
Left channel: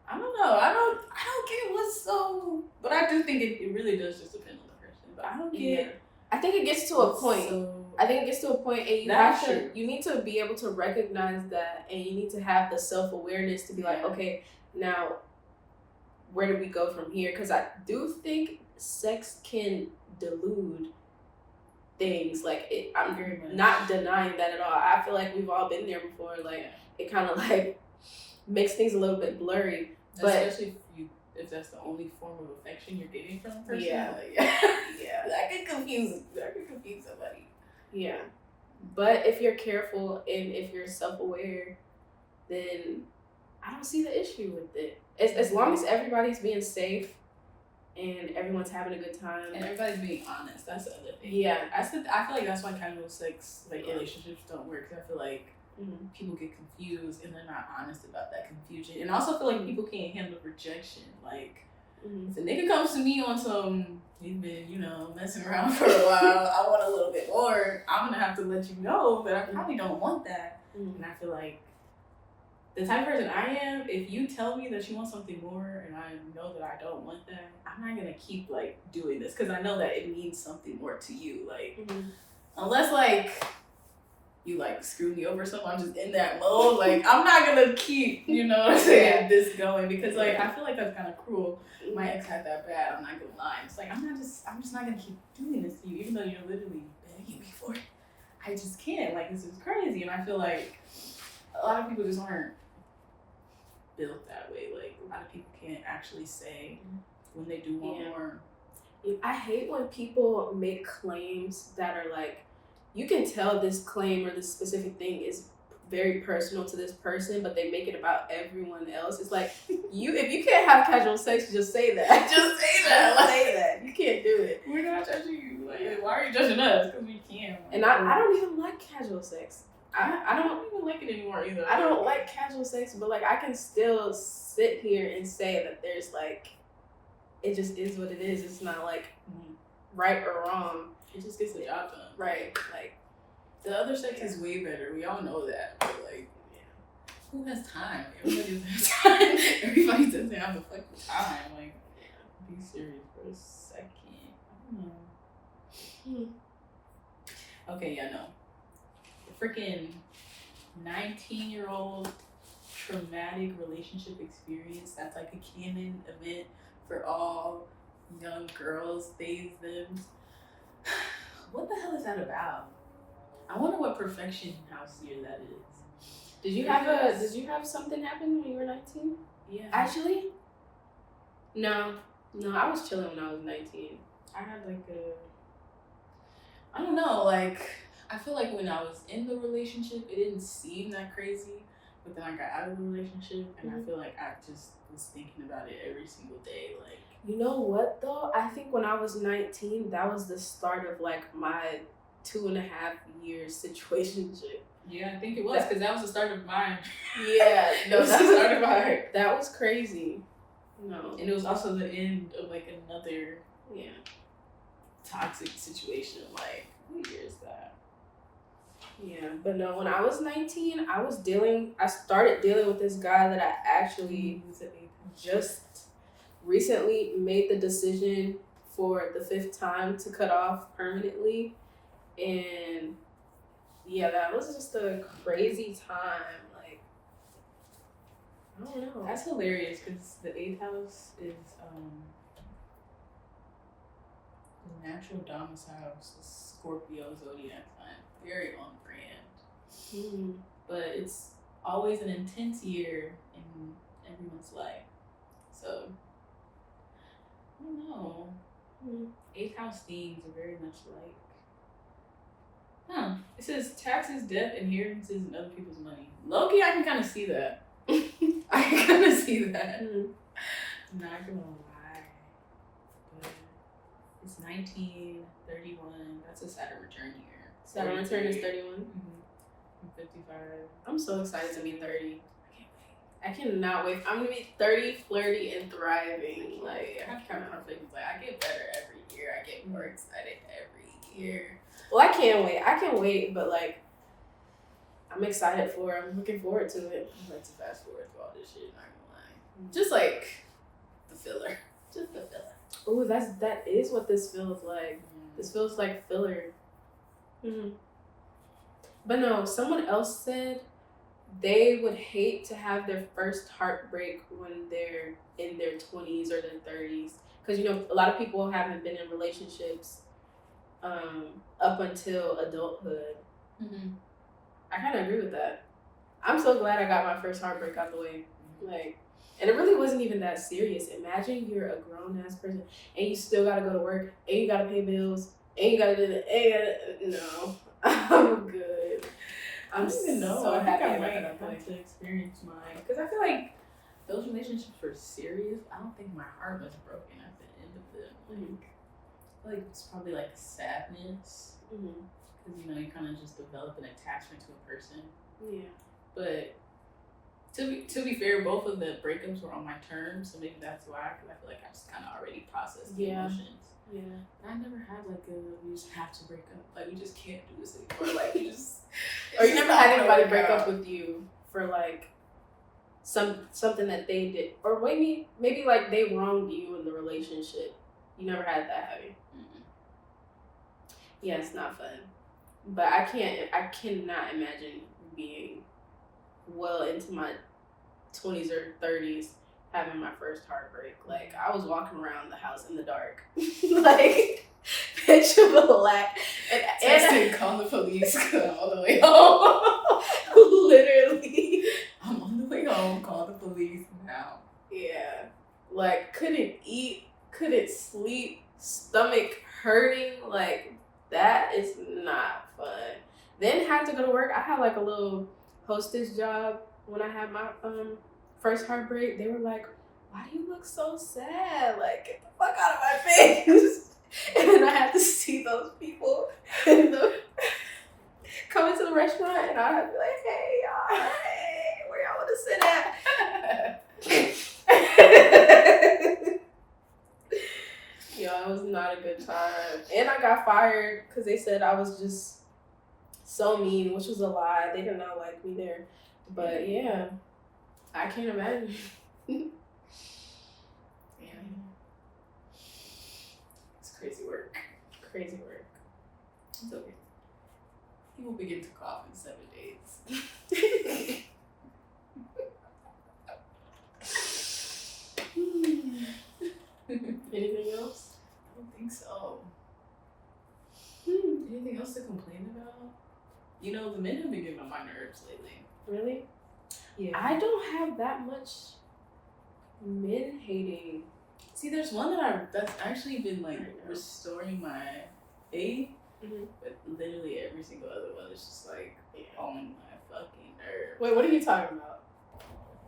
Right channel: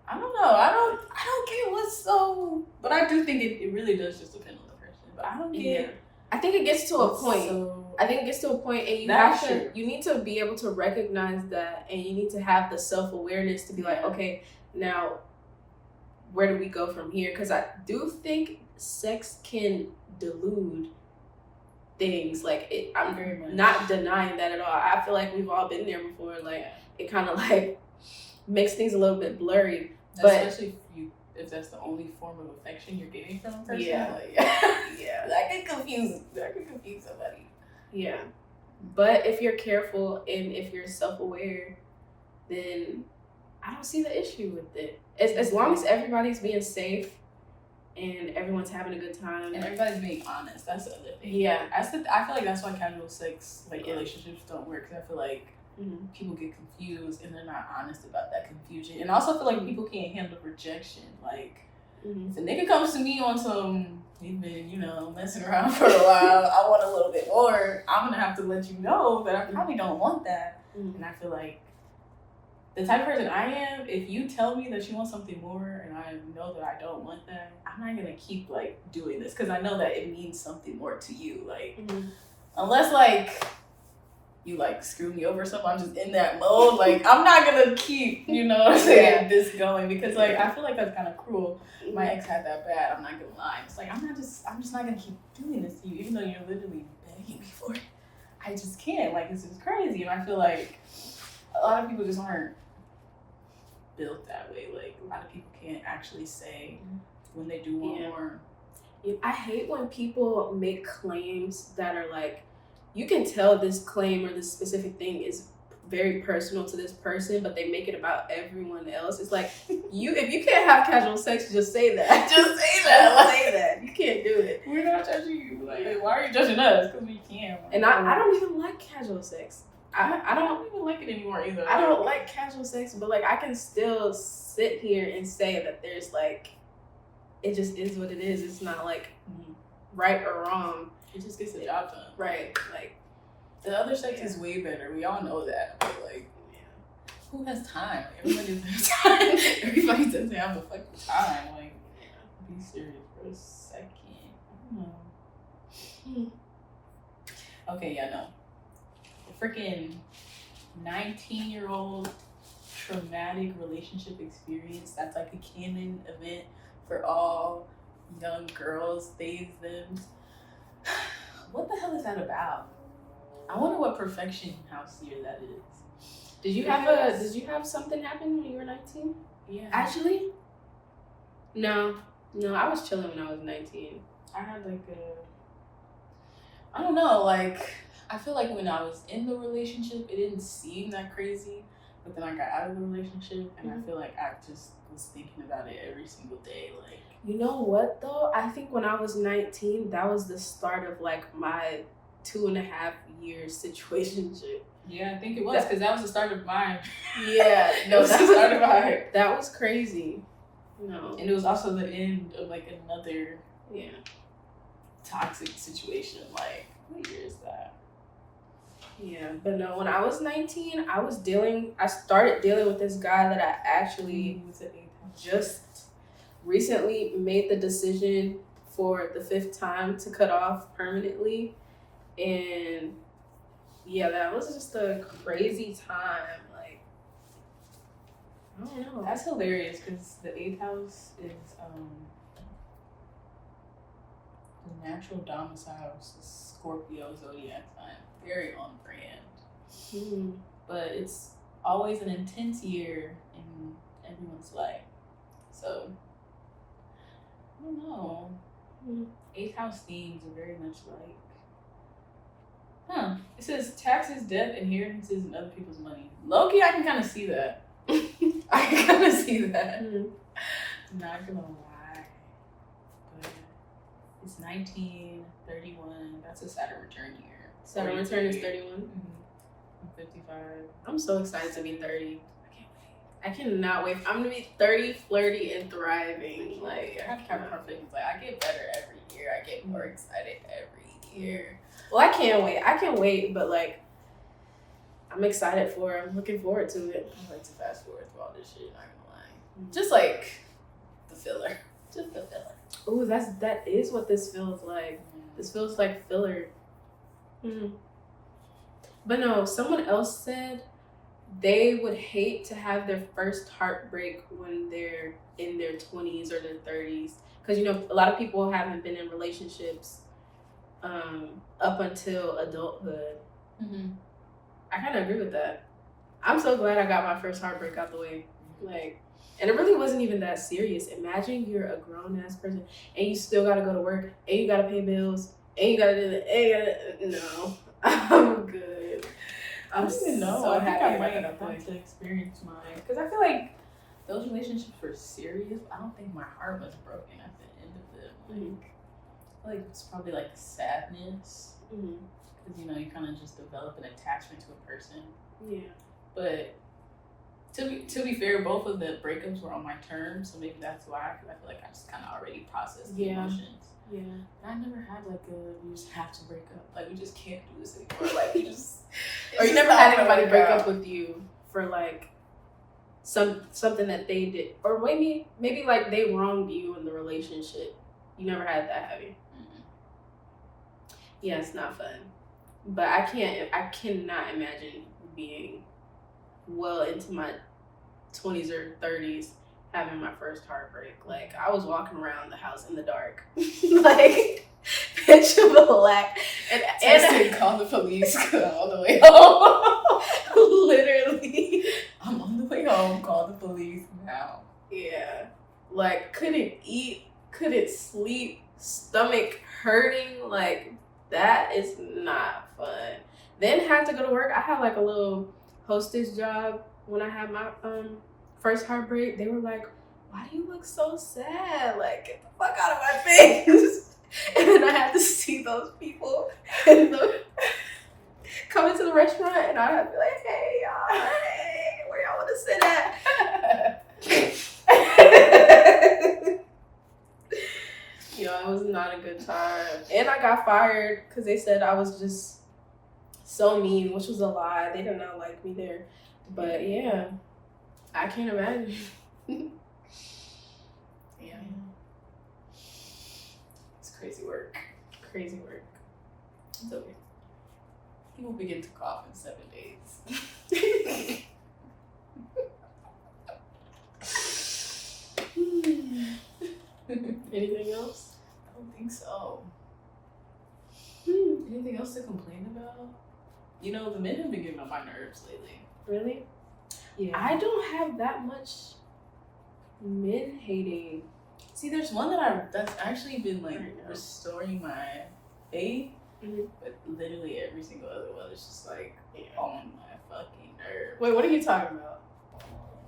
I don't know. I don't get what's so, but I do think it really does just depend on the person. But I don't get. Yeah. I think it gets to a point. I think it gets to a point, and you need to be able to recognize that, and you need to have the self-awareness to be like, okay, now where do we go from here? Because I do think sex can delude things. Like I'm Very much. not denying that at all. I feel like we've all been there before. Like it kind of like makes things a little bit blurry. But especially if that's the only form of affection you're getting from a person. Yeah. Like, yeah, that could confuse somebody. yeah. But if you're careful and if you're self-aware, then I don't see the issue with it. As long as everybody's being safe and everyone's having a good time and everybody's being honest. That's the other thing. Yeah. I feel like that's why casual sex relationships don't work. Cause I feel like people get confused and they're not honest about that confusion. And I also feel like people can't handle rejection. Like if a nigga comes to me on some, we've been, messing around for a while, I want a little bit more, I'm gonna have to let you know that I probably don't want that. And I feel like the type of person I am, if you tell me that you want something more and I know that I don't want that, I'm not gonna keep doing this because I know that it means something more to you. Unless you screw me over or something, I'm just in that mode. I'm not gonna keep, this going because I feel like that's kind of cruel. My ex had that bad, I'm not gonna lie. It's I'm just not gonna keep doing this to you, even though you're literally begging me for it. I just can't. This is crazy. And I feel like a lot of people just aren't built that way. A lot of people can't actually say when they do want more. I hate when people make claims that are you can tell this claim or this specific thing is very personal to this person, but they make it about everyone else. It's if you can't have casual sex, just say that. Just say that. Say that. You can't do it. We're not judging you. Why are you judging us? Because we can. And I don't even like casual sex. I don't even like it anymore either. I don't like casual sex, but I can still sit here and say that there's it just is what it is. It's not right or wrong. It just gets the job done. Right. The other sex is way better. We all know that. But who has time? Everybody has time. Everybody doesn't have the fucking time. Be serious for a second. I don't know. Okay, yeah, no. The freaking 19-year-old traumatic relationship experience. That's a canon event for all young girls, they, them. What the hell is that about? I wonder what perfection house year that is. Did you have something happen when you were 19? Yeah. Actually? No, I was chilling when I was 19. I had I don't know, I feel like when I was in the relationship, it didn't seem that crazy, but then I got out of the relationship, and I feel like I just was thinking about it every single day, You know what, though? I think when I was 19, that was the start of, my 2.5 year situationship. Yeah, I think it was, because that was the start of mine. Yeah, no, that's the start of mine. That was crazy. No. And it was also the end of, another Yeah. toxic situation. What year is that? Yeah, but no, when I was 19, I started dealing with this guy that I actually just recently made the decision for the 5th time to cut off permanently. And yeah, that was just a crazy time. I don't know. That's hilarious because the 8th house is the natural domicile Scorpio zodiac sign. Very on brand. But it's always an intense year in everyone's life. So, I don't know. 8th house themes are very much it says taxes, death, inheritances, and other people's money. Low-key, I can kind of see that. I can kind of see that. Not gonna lie. But it's 1931. That's a Saturn return year. Saturn return is 31? I'm 55. I'm so excited to be 30. I cannot wait. I'm gonna be 30, flirty, and thriving. I get better every year. I get more excited every year. Well, I can't wait, but I'm excited for it. I'm looking forward to it. I like to fast forward through all this shit, not gonna lie. Just the filler. Just the filler. Ooh, that is what this feels like. This feels like filler. But no, someone else said they would hate to have their first heartbreak when they're in their 20s or their 30s. Because, a lot of people haven't been in relationships up until adulthood. Mm-hmm. I kind of agree with that. I'm so glad I got my first heartbreak out the way. Like, and it really wasn't even that serious. Imagine you're a grown ass person and you still gotta go to work and you gotta pay bills and you gotta do the no. I'm good. I don't even know. I think I might have have to experience mine because I feel like those relationships were serious. I don't think my heart was broken at the end of them. Like, I feel like it's probably like sadness because you know you kind of just develop an attachment to a person. Yeah. But to be fair, both of the breakups were on my terms, so maybe that's why. Because I feel like I just kind of already processed the emotions. Yeah. But I never had like we just have to break up. Like we just can't do this anymore. Like you just. Or you never had anybody break up with you for like something that they did, or maybe like they wronged you in the relationship. You never had that, have you? Mm-mm. Yeah, it's not fun. But I cannot imagine being well into my 20s or 30s having my first heartbreak. Like, I was walking around the house in the dark. Like, pitch black. And call the police all the way home. Literally. I'm on the way home, call the police now. Yeah. Like, couldn't eat, couldn't sleep, stomach hurting. Like, that is not fun. Then had to go to work. I had like a little hostess job when I had my first heartbreak. They were like, why do you look so sad? Like, get the fuck out of my face. And I had to see those people come into the restaurant, and I had to be like, hey, y'all, hey, where y'all want to sit at? Yo, it was not a good time. And I got fired because they said I was just so mean, which was a lie. They did not like me there. But yeah, I can't imagine. Yeah. It's crazy work. Crazy work. It's okay. He will begin to cough in 7 days. Anything else? I don't think so. Anything else to complain about? You know, the men have been getting on my nerves lately. Really? Yeah. I don't have that much men hating. See, there's one that's actually been like restoring my faith, but literally every single other one is just like on my fucking nerves. Wait, what are you talking about?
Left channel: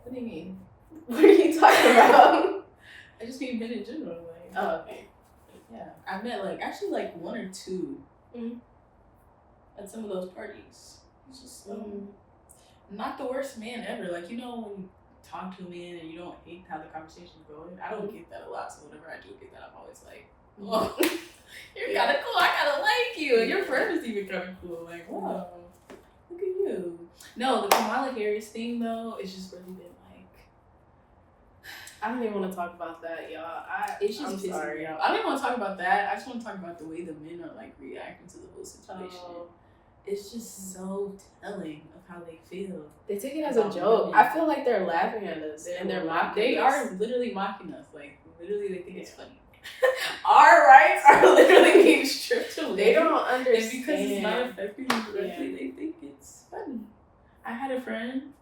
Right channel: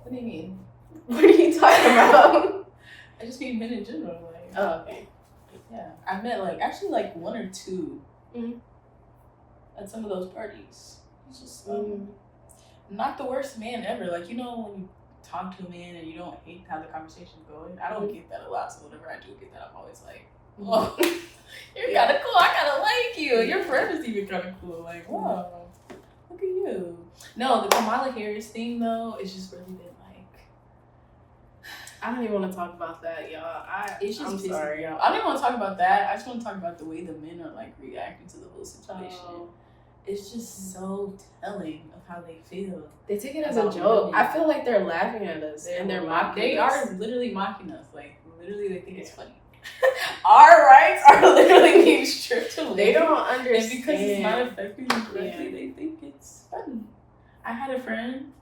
What do you mean? What are you talking about? I just mean men in general. Like, oh, okay. Yeah, I met like one or two at some of those parties. It's just not the worst man ever. Like, you know, when you talk to a man and you don't hate how the conversation's going. I don't get that a lot, so whenever I do get that, I'm always like, whoa, you're kind of cool. I kind of like you. And your friend is even kind of cool. Like, whoa, look at you. No, the Kamala Harris thing, though, it's just really been like, I don't even want to talk about that, y'all. I'm sorry, y'all. I don't even want to talk about that. I just want to talk about the way the men are like reacting to the whole situation. It's just so telling of how they feel. They take it as a joke. I feel like they're laughing at us and they're mocking They us. are literally mocking us. Like, literally, they think it's funny. Our rights Are literally being stripped away. They don't understand. And because it's not affecting you directly, they think it's funny. I had a friend,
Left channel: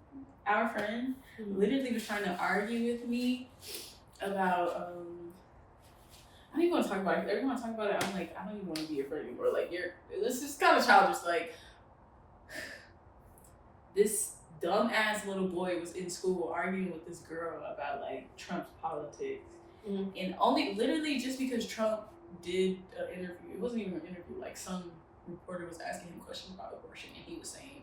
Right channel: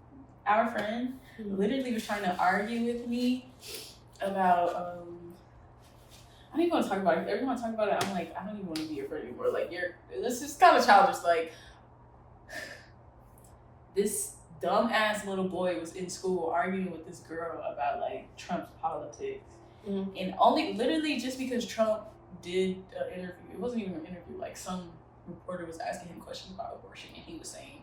our friend, literally was trying to argue with me about, I don't even want to talk about it. Every time I talk about it, I'm like, I don't even want to be your friend anymore. Like, this is kind of childish. Like, this dumbass little boy was in school arguing with this girl about, like, Trump's politics. And only, literally, just because Trump did an interview, it wasn't even an interview, like, some reporter was asking him questions about abortion, and he was saying,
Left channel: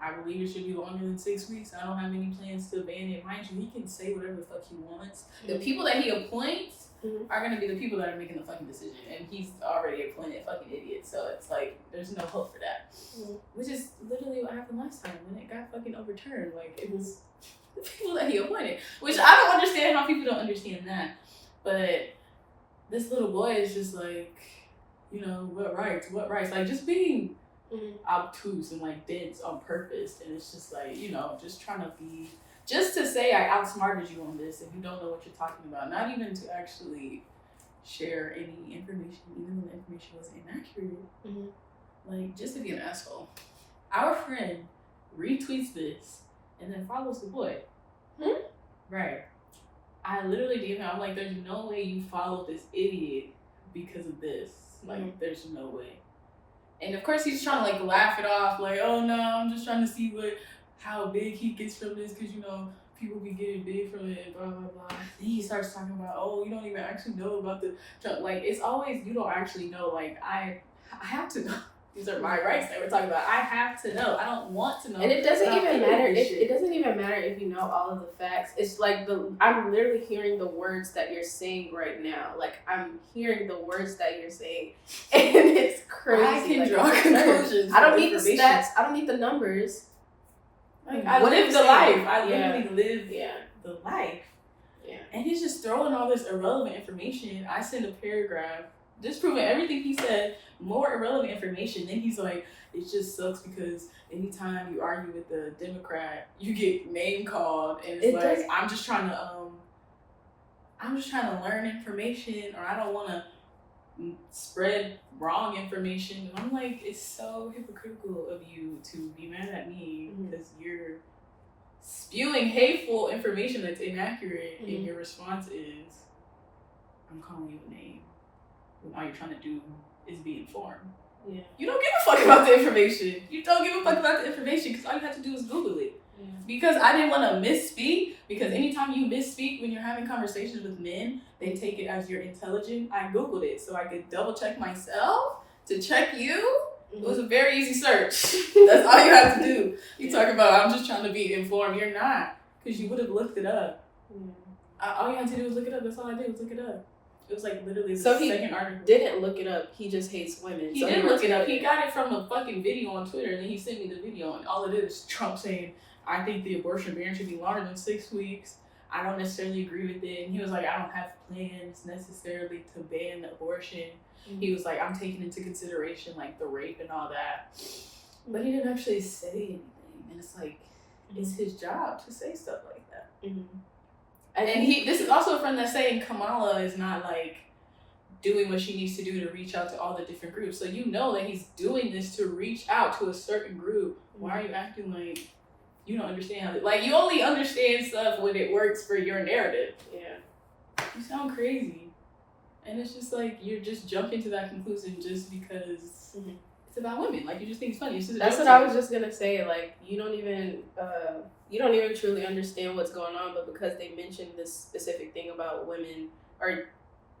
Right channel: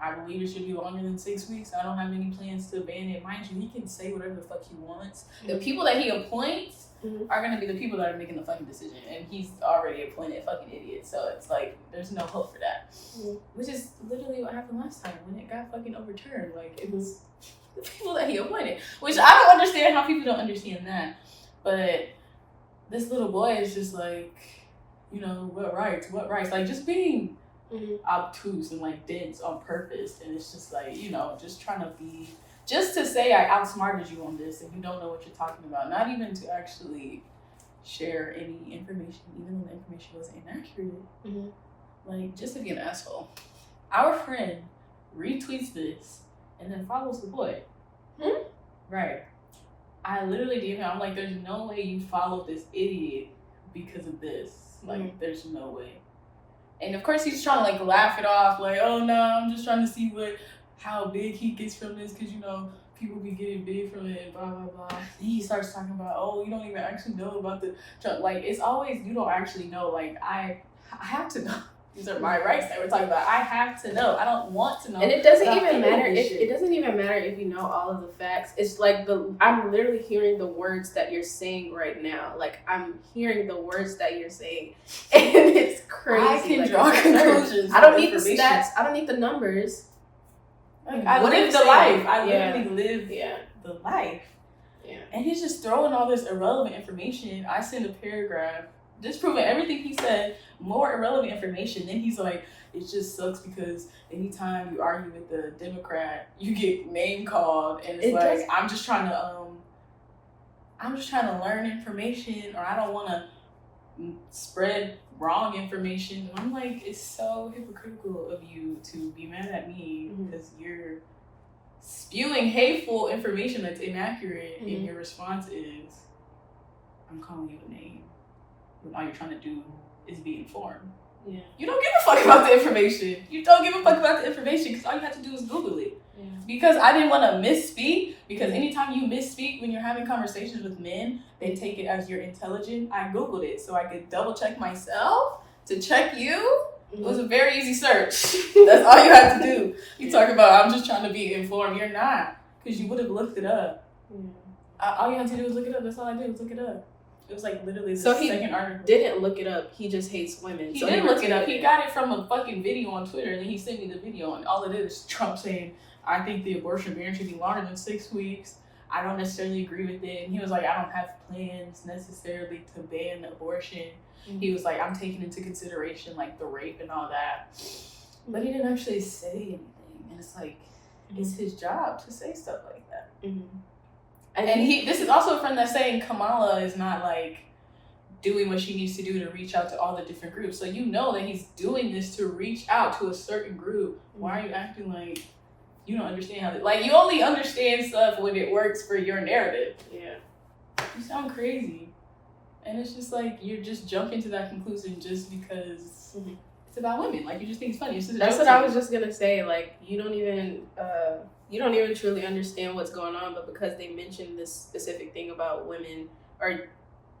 I believe it should be longer than 6 weeks. I don't have any plans to ban it. Mind you, he can say whatever the fuck he wants. The people that he appoints are going to be the people that are making the fucking decision. And he's already appointed fucking idiot. So it's like, there's no hope for that. Which is literally what happened last time when it got fucking overturned. Like, it was the people that he appointed. Which I don't understand how people don't understand that. But this little boy is just like, you know, what rights? Like, just being obtuse and like dense on purpose. And it's just like, you know, just trying to be, just to say I outsmarted you on this and you don't know what you're talking about. Not even to actually share any information, even when the information was inaccurate. Mm-hmm. Like, just to be an asshole. Our friend retweets this and then follows the boy. Right. I literally gave him, I'm like, there's no way you followed this idiot because of this. Like, there's no way. And of course he's trying to like laugh it off, like, oh no, I'm just trying to see how big he gets from this, because you know, people be getting big from it, blah blah blah. Then he starts talking about, oh, you don't even actually know about the, like, it's always, you don't actually know. Like, I have to know. These are my rights that we're talking about. I have to know. I don't want to know. And it doesn't even matter. It doesn't even matter if you know all of the facts. It's like I'm literally hearing the words that you're saying right now. Like, I'm hearing the words that you're saying, and it's crazy. I can like, draw conclusions. I don't need the stats. I don't need the numbers. Like, I live the life. I literally live the life. Yeah. And he's just throwing all this irrelevant information. I send a paragraph disproving everything he said, more irrelevant information. Then he's like, it just sucks because anytime you argue with the Democrat, you get name called, and I'm just trying to learn information, or I don't want to spread wrong information. And I'm like, it's so hypocritical of you to be mad at me because you're spewing hateful information that's inaccurate, and your response is, I'm calling you a name. When all you're trying to do is be informed. Yeah. You don't give a fuck about the information. You don't give a fuck about the information because all you have to do is Google it. Yeah. Because I didn't want to misspeak, because anytime you misspeak when you're having conversations with men, they take it as you're intelligent. I Googled it so I could double check myself to check you. It was a very easy search. That's all you have to do. You talk about, I'm just trying to be informed. You're not, because you would have looked it up. All you had to do was look it up. That's all I did was look it up. It was like literally the second article. Didn't look it up. He just hates women. He didn't look it up. He got it from a fucking video on Twitter, and then he sent me the video, and all it is Trump saying, I think the abortion ban should be longer than 6 weeks. I don't necessarily agree with it. And he was like, I don't have plans necessarily to ban abortion. He was like, I'm taking into consideration like the rape and all that. But he didn't actually say anything. And it's like, it's his job to say stuff like that. And this is also a friend that's saying Kamala is not like doing what she needs to do to reach out to all the different groups. So you know that he's doing this to reach out to a certain group. Why are you acting like you don't understand how like you only understand stuff when it works for your narrative? Yeah. You sound crazy. And it's just like you're just jumping to that conclusion just because it's about women. Like, you just think it's funny. It's just That's what I was just gonna say. Like, you don't even truly understand what's going on, but because they mentioned this specific thing about women, or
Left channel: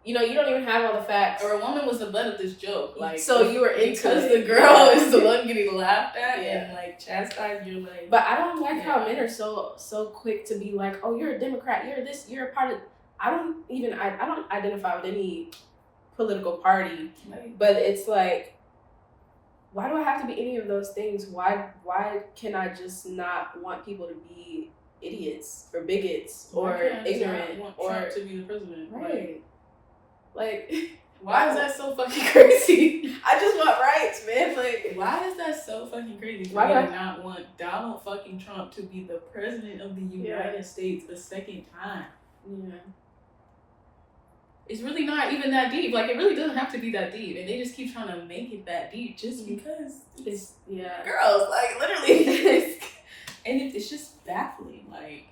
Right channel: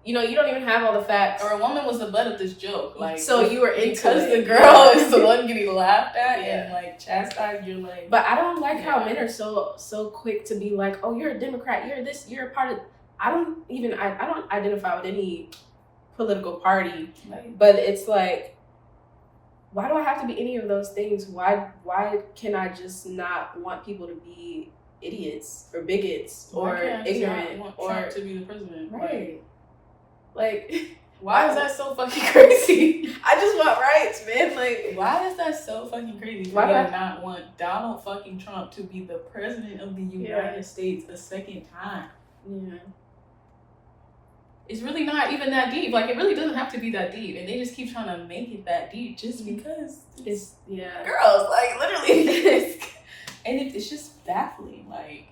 you don't even have all the facts. Or a woman was the butt of this joke. Like, so you were into because it. the girl is the one getting laughed at and like chastised. You're like, but I don't like how men are so quick to be like, oh, you're a Democrat, you're this, you're a part of. I don't identify with any political party, but it's like, why do I have to be any of those things? Why can I just not want people to be idiots or bigots or ignorant or Trump to be the president? Right. Like why is that so fucking crazy? I just want rights, man. Like, why is that so fucking crazy? Why do I not want Donald fucking Trump to be the president of the United States a second time? Yeah. It's really not even that deep. Like, it really doesn't have to be that deep. And they just keep trying to make it that deep just because it's girls. Like, literally. And it's just baffling. Like,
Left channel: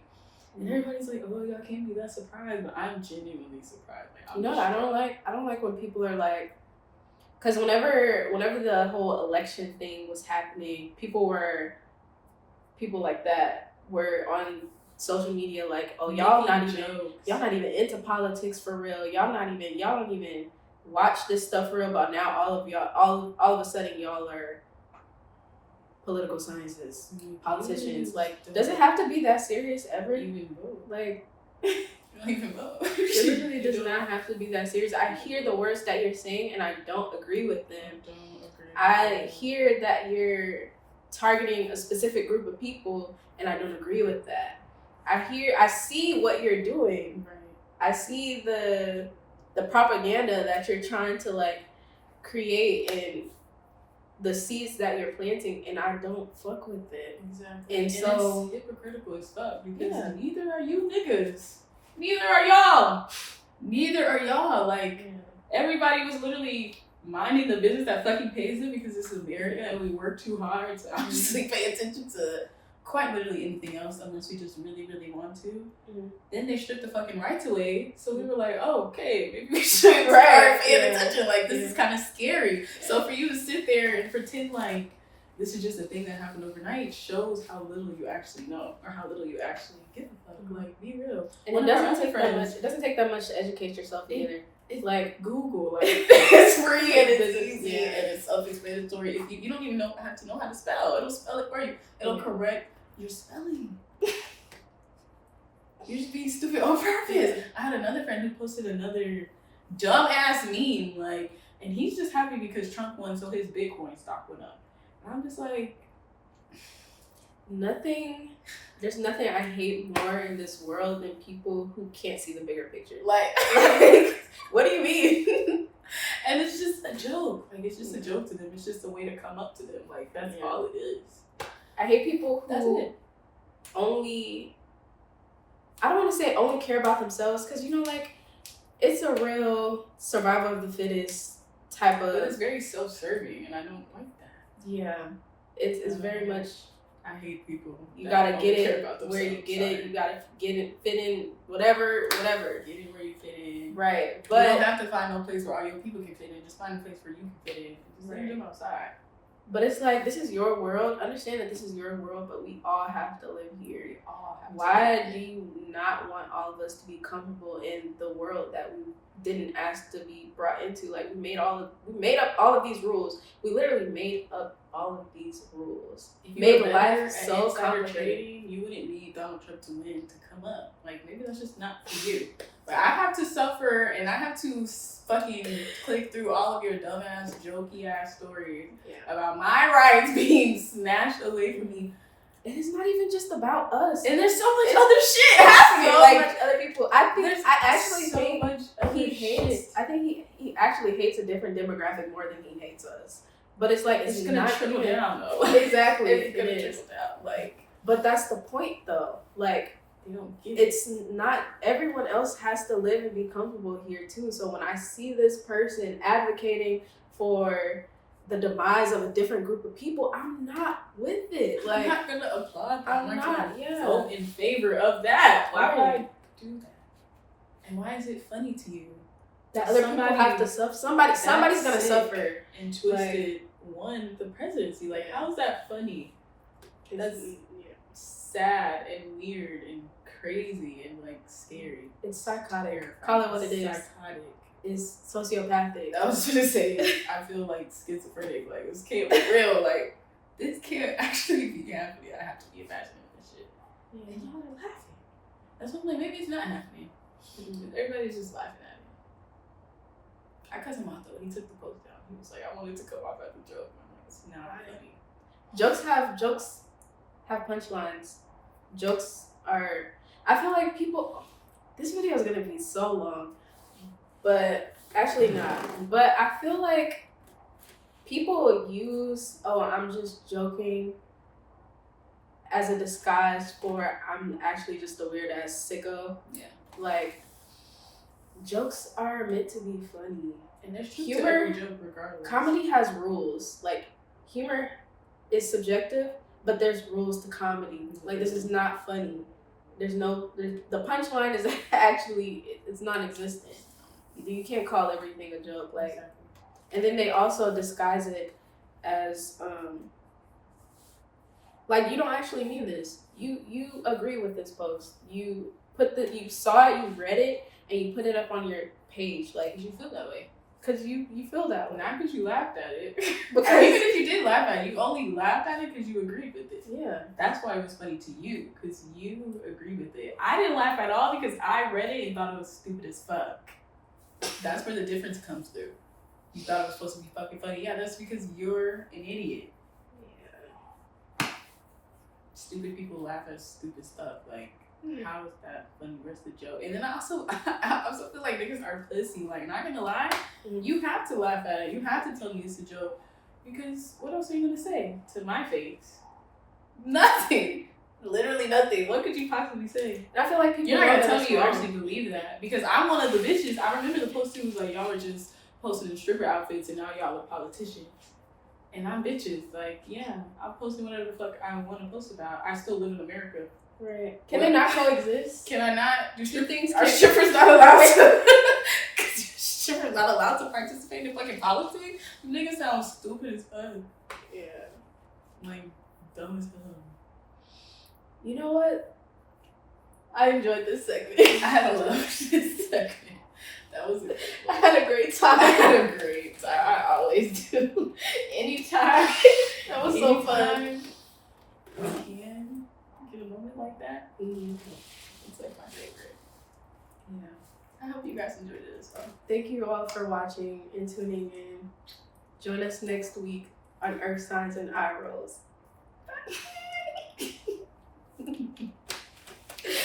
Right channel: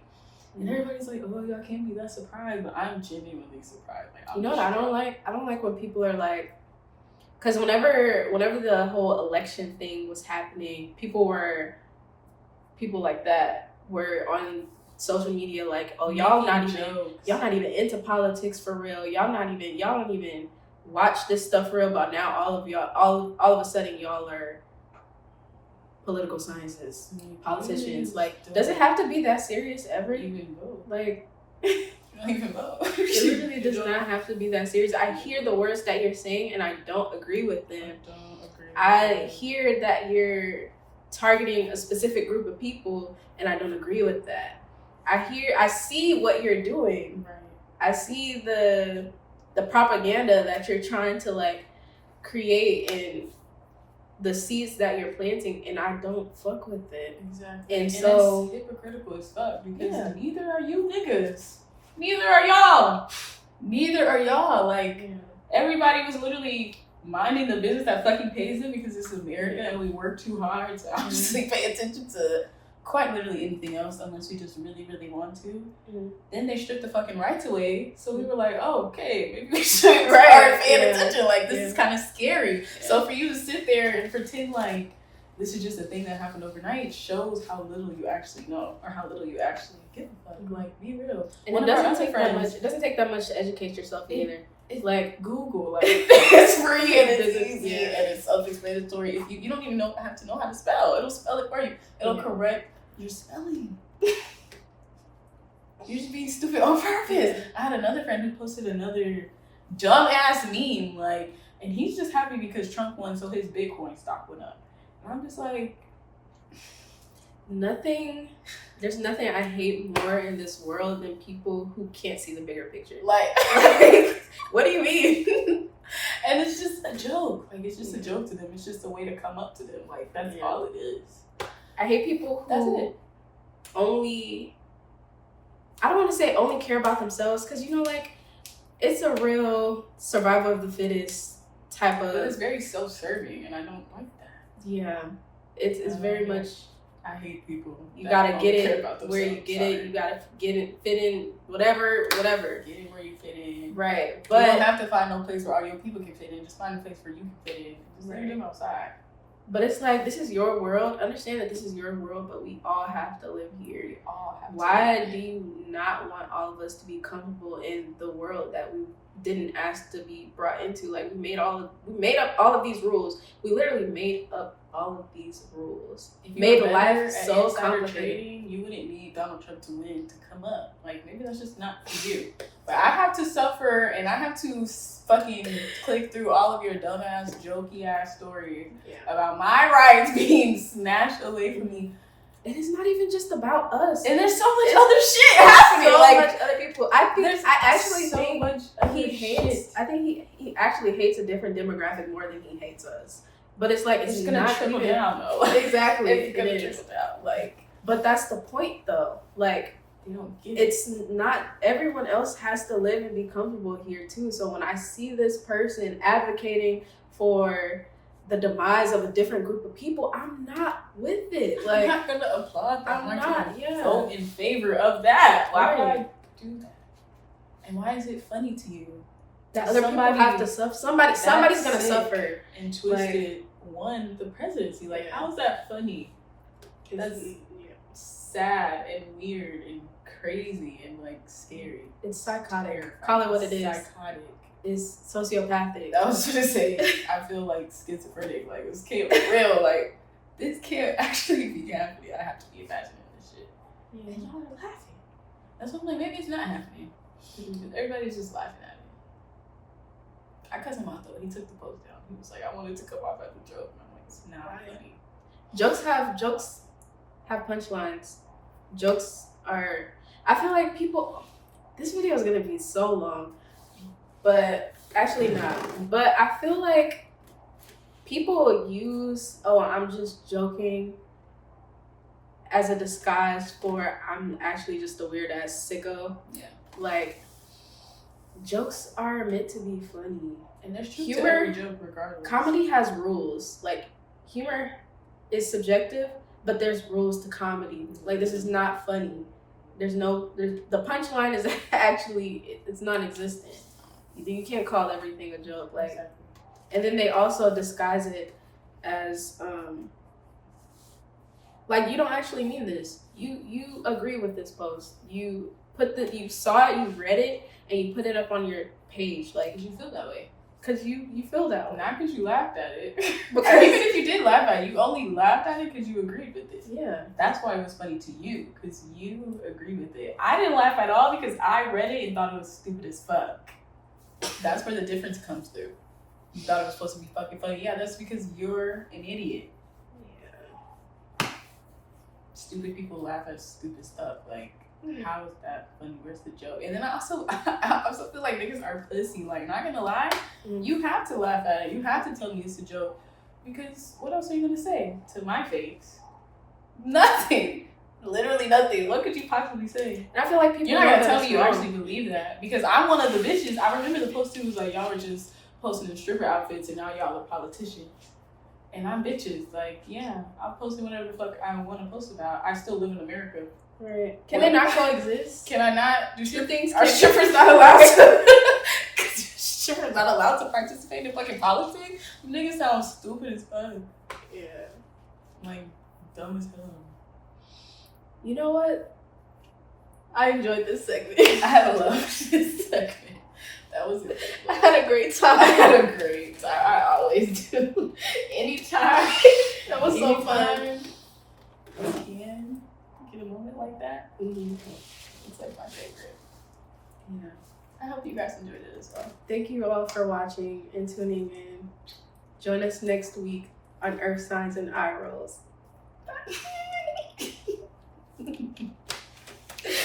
and everybody's like, oh, y'all can't be that surprised. But I'm genuinely surprised. Like, I don't like when people are like, because whenever the whole election thing was happening, people like that were on social media like, oh, y'all not even into politics for real. Y'all don't even watch this stuff for real. But now all of a sudden y'all are political scientists, politicians. Like, does it have to be that serious ever? Even vote. Like, you don't even vote. It literally does not have to be that serious. I hear the words that you're saying and I don't agree with them. I hear that you're targeting a specific group of people and I don't agree with that. I see what you're doing. Right. I see the propaganda that you're trying to like create and the seeds that you're planting, and I don't fuck with it. Exactly. And so it's hypocritical as fuck because neither are you niggas. Neither are y'all. neither are y'all. Like, everybody was literally minding the business that fucking pays them because it's America and we work too hard to obviously pay attention to quite literally anything else unless we just really, really want to. Then they stripped the fucking rights away. So we were like, oh, okay, maybe we should start paying attention. Like, this is kind of scary. So for you to sit there and pretend like this is just a thing that happened overnight shows how little you actually know or how little you actually give a fuck. Like, be real. And it doesn't take that much to educate yourself either. It's like Google, like it's free and it's easy and it's self-explanatory. If you don't even have to know how to spell, it'll spell it for you. It'll correct your spelling. You're just being stupid on purpose. I had another friend who posted another dumbass meme, like, and he's just happy because Trump won, so his Bitcoin stock went up. And I'm just like, there's nothing I hate more in this world than people who can't see the bigger picture. Like what do you mean? And it's just a joke. Like, it's just a joke to them. It's just a way to come up to them. Like, that's all it is. I hate people who I don't want to say only care about themselves, because, you know, like, it's a real survival of the fittest type of... But it's very self-serving, and I don't like that. Yeah. It's very much... I hate people. You gotta get it where you get it. You gotta get it, fit in, whatever. Get it where you fit in. Right. But you don't have to find no place where all your people can fit in. Just find a place where you can fit in. Just leave them outside. But it's like, this is your world. Understand that this is your world, but we all have to live here. We all have to. Why do you not want all of us to be comfortable in the world that we didn't ask to be brought into? Like, we made up all of these rules. We literally made up all of these rules. If you made life so complicated. Trading, you wouldn't need Donald Trump to win to come up. Like, maybe that's just not for you. But I have to suffer and I have to fucking click through all of your dumbass, jokey ass stories about my rights being snatched away from me. And it's not even just about us. And there's so much other shit happening. So like, much other people. I think he actually hates a different demographic more than he hates us. But it's like, it's gonna not trickle even, down though. Exactly. It's gonna trickle down. Like, but that's the point though. Like, you don't get it. It's not, everyone else has to live and be comfortable here too. So when I see this person advocating for the demise of a different group of people, I'm not with it. Like, I'm not gonna applaud. I'm not vote in favor of that. Why would I do that? And why is it funny to you that other people have to suffer? Somebody's gonna suffer and twisted won the presidency. Like, how is that funny? That's sad and weird and crazy and like scary. It's psychotic. Call it what it is. Psychotic. It's sociopathic. I was gonna say, I feel like schizophrenic. Like, this can't be real. Like, this can't actually be happening. I have to be imagining this shit. Yeah. And y'all are laughing. That's what I'm like, maybe it's not happening. Everybody's just laughing at me. I cut him off though. He took the post down. He was like, I wanted to come off as a joke. And I'm like, it's not funny. Jokes have punchlines. Jokes are, I feel like people, this video is gonna be so long, but actually not. But I feel like people use, oh, I'm just joking, as a disguise for I'm actually just a weird ass sicko. Yeah. Like, jokes are meant to be funny. And there's truth to every joke regardless. Comedy has rules. Like, humor is subjective, but there's rules to comedy. Like, this is not funny. The punchline is actually, it's non-existent. You can't call everything a joke. Like, exactly. And then they also disguise it as, like, you don't actually mean this. You agree with this post. You saw it, you read it, and you put it up on your page. Like, you feel that way. Because you feel that way. Not because you laughed at it. Because even if you did laugh at it, you only laughed at it because you agreed with it. Yeah. That's why it was funny to you, because you agree with it. I didn't laugh at all because I read it and thought it was stupid as fuck. That's where the difference comes through. You thought it was supposed to be fucking funny. Yeah, that's because you're an idiot. Yeah. Stupid people laugh at stupid stuff. Like, how is that funny? Where's the joke? And then I also feel like niggas are pussy. Like, not gonna lie, you have to laugh at it. You have to tell me it's a joke. Because what else are you gonna say to my face? Nothing. Literally nothing. What could you possibly say? And I feel like people You're not know gonna tell that's me you wrong. actually believe that because I'm one of the bitches. I remember the post too was like y'all were just posting in stripper outfits and now y'all are politicians. And I'm bitches. Like, yeah, I'll post whatever the fuck I want to post about. I still live in America. Right. Can they not coexist? Can I not do Two things? Are strippers not allowed to? Strippers not allowed to participate in fucking politics? Niggas sound stupid as fuck. Yeah. Like, dumb as hell. You know what? I enjoyed this segment. I had a love this segment. That was it. I had a great time. I had a great time. I always do. Anytime. That was so fun. You can get a moment like that. Mm-hmm. It's like my favorite. Yeah. I hope you guys enjoyed it as well. Thank you all for watching and tuning in. Join us next week on Earth Signs and Eye Rolls.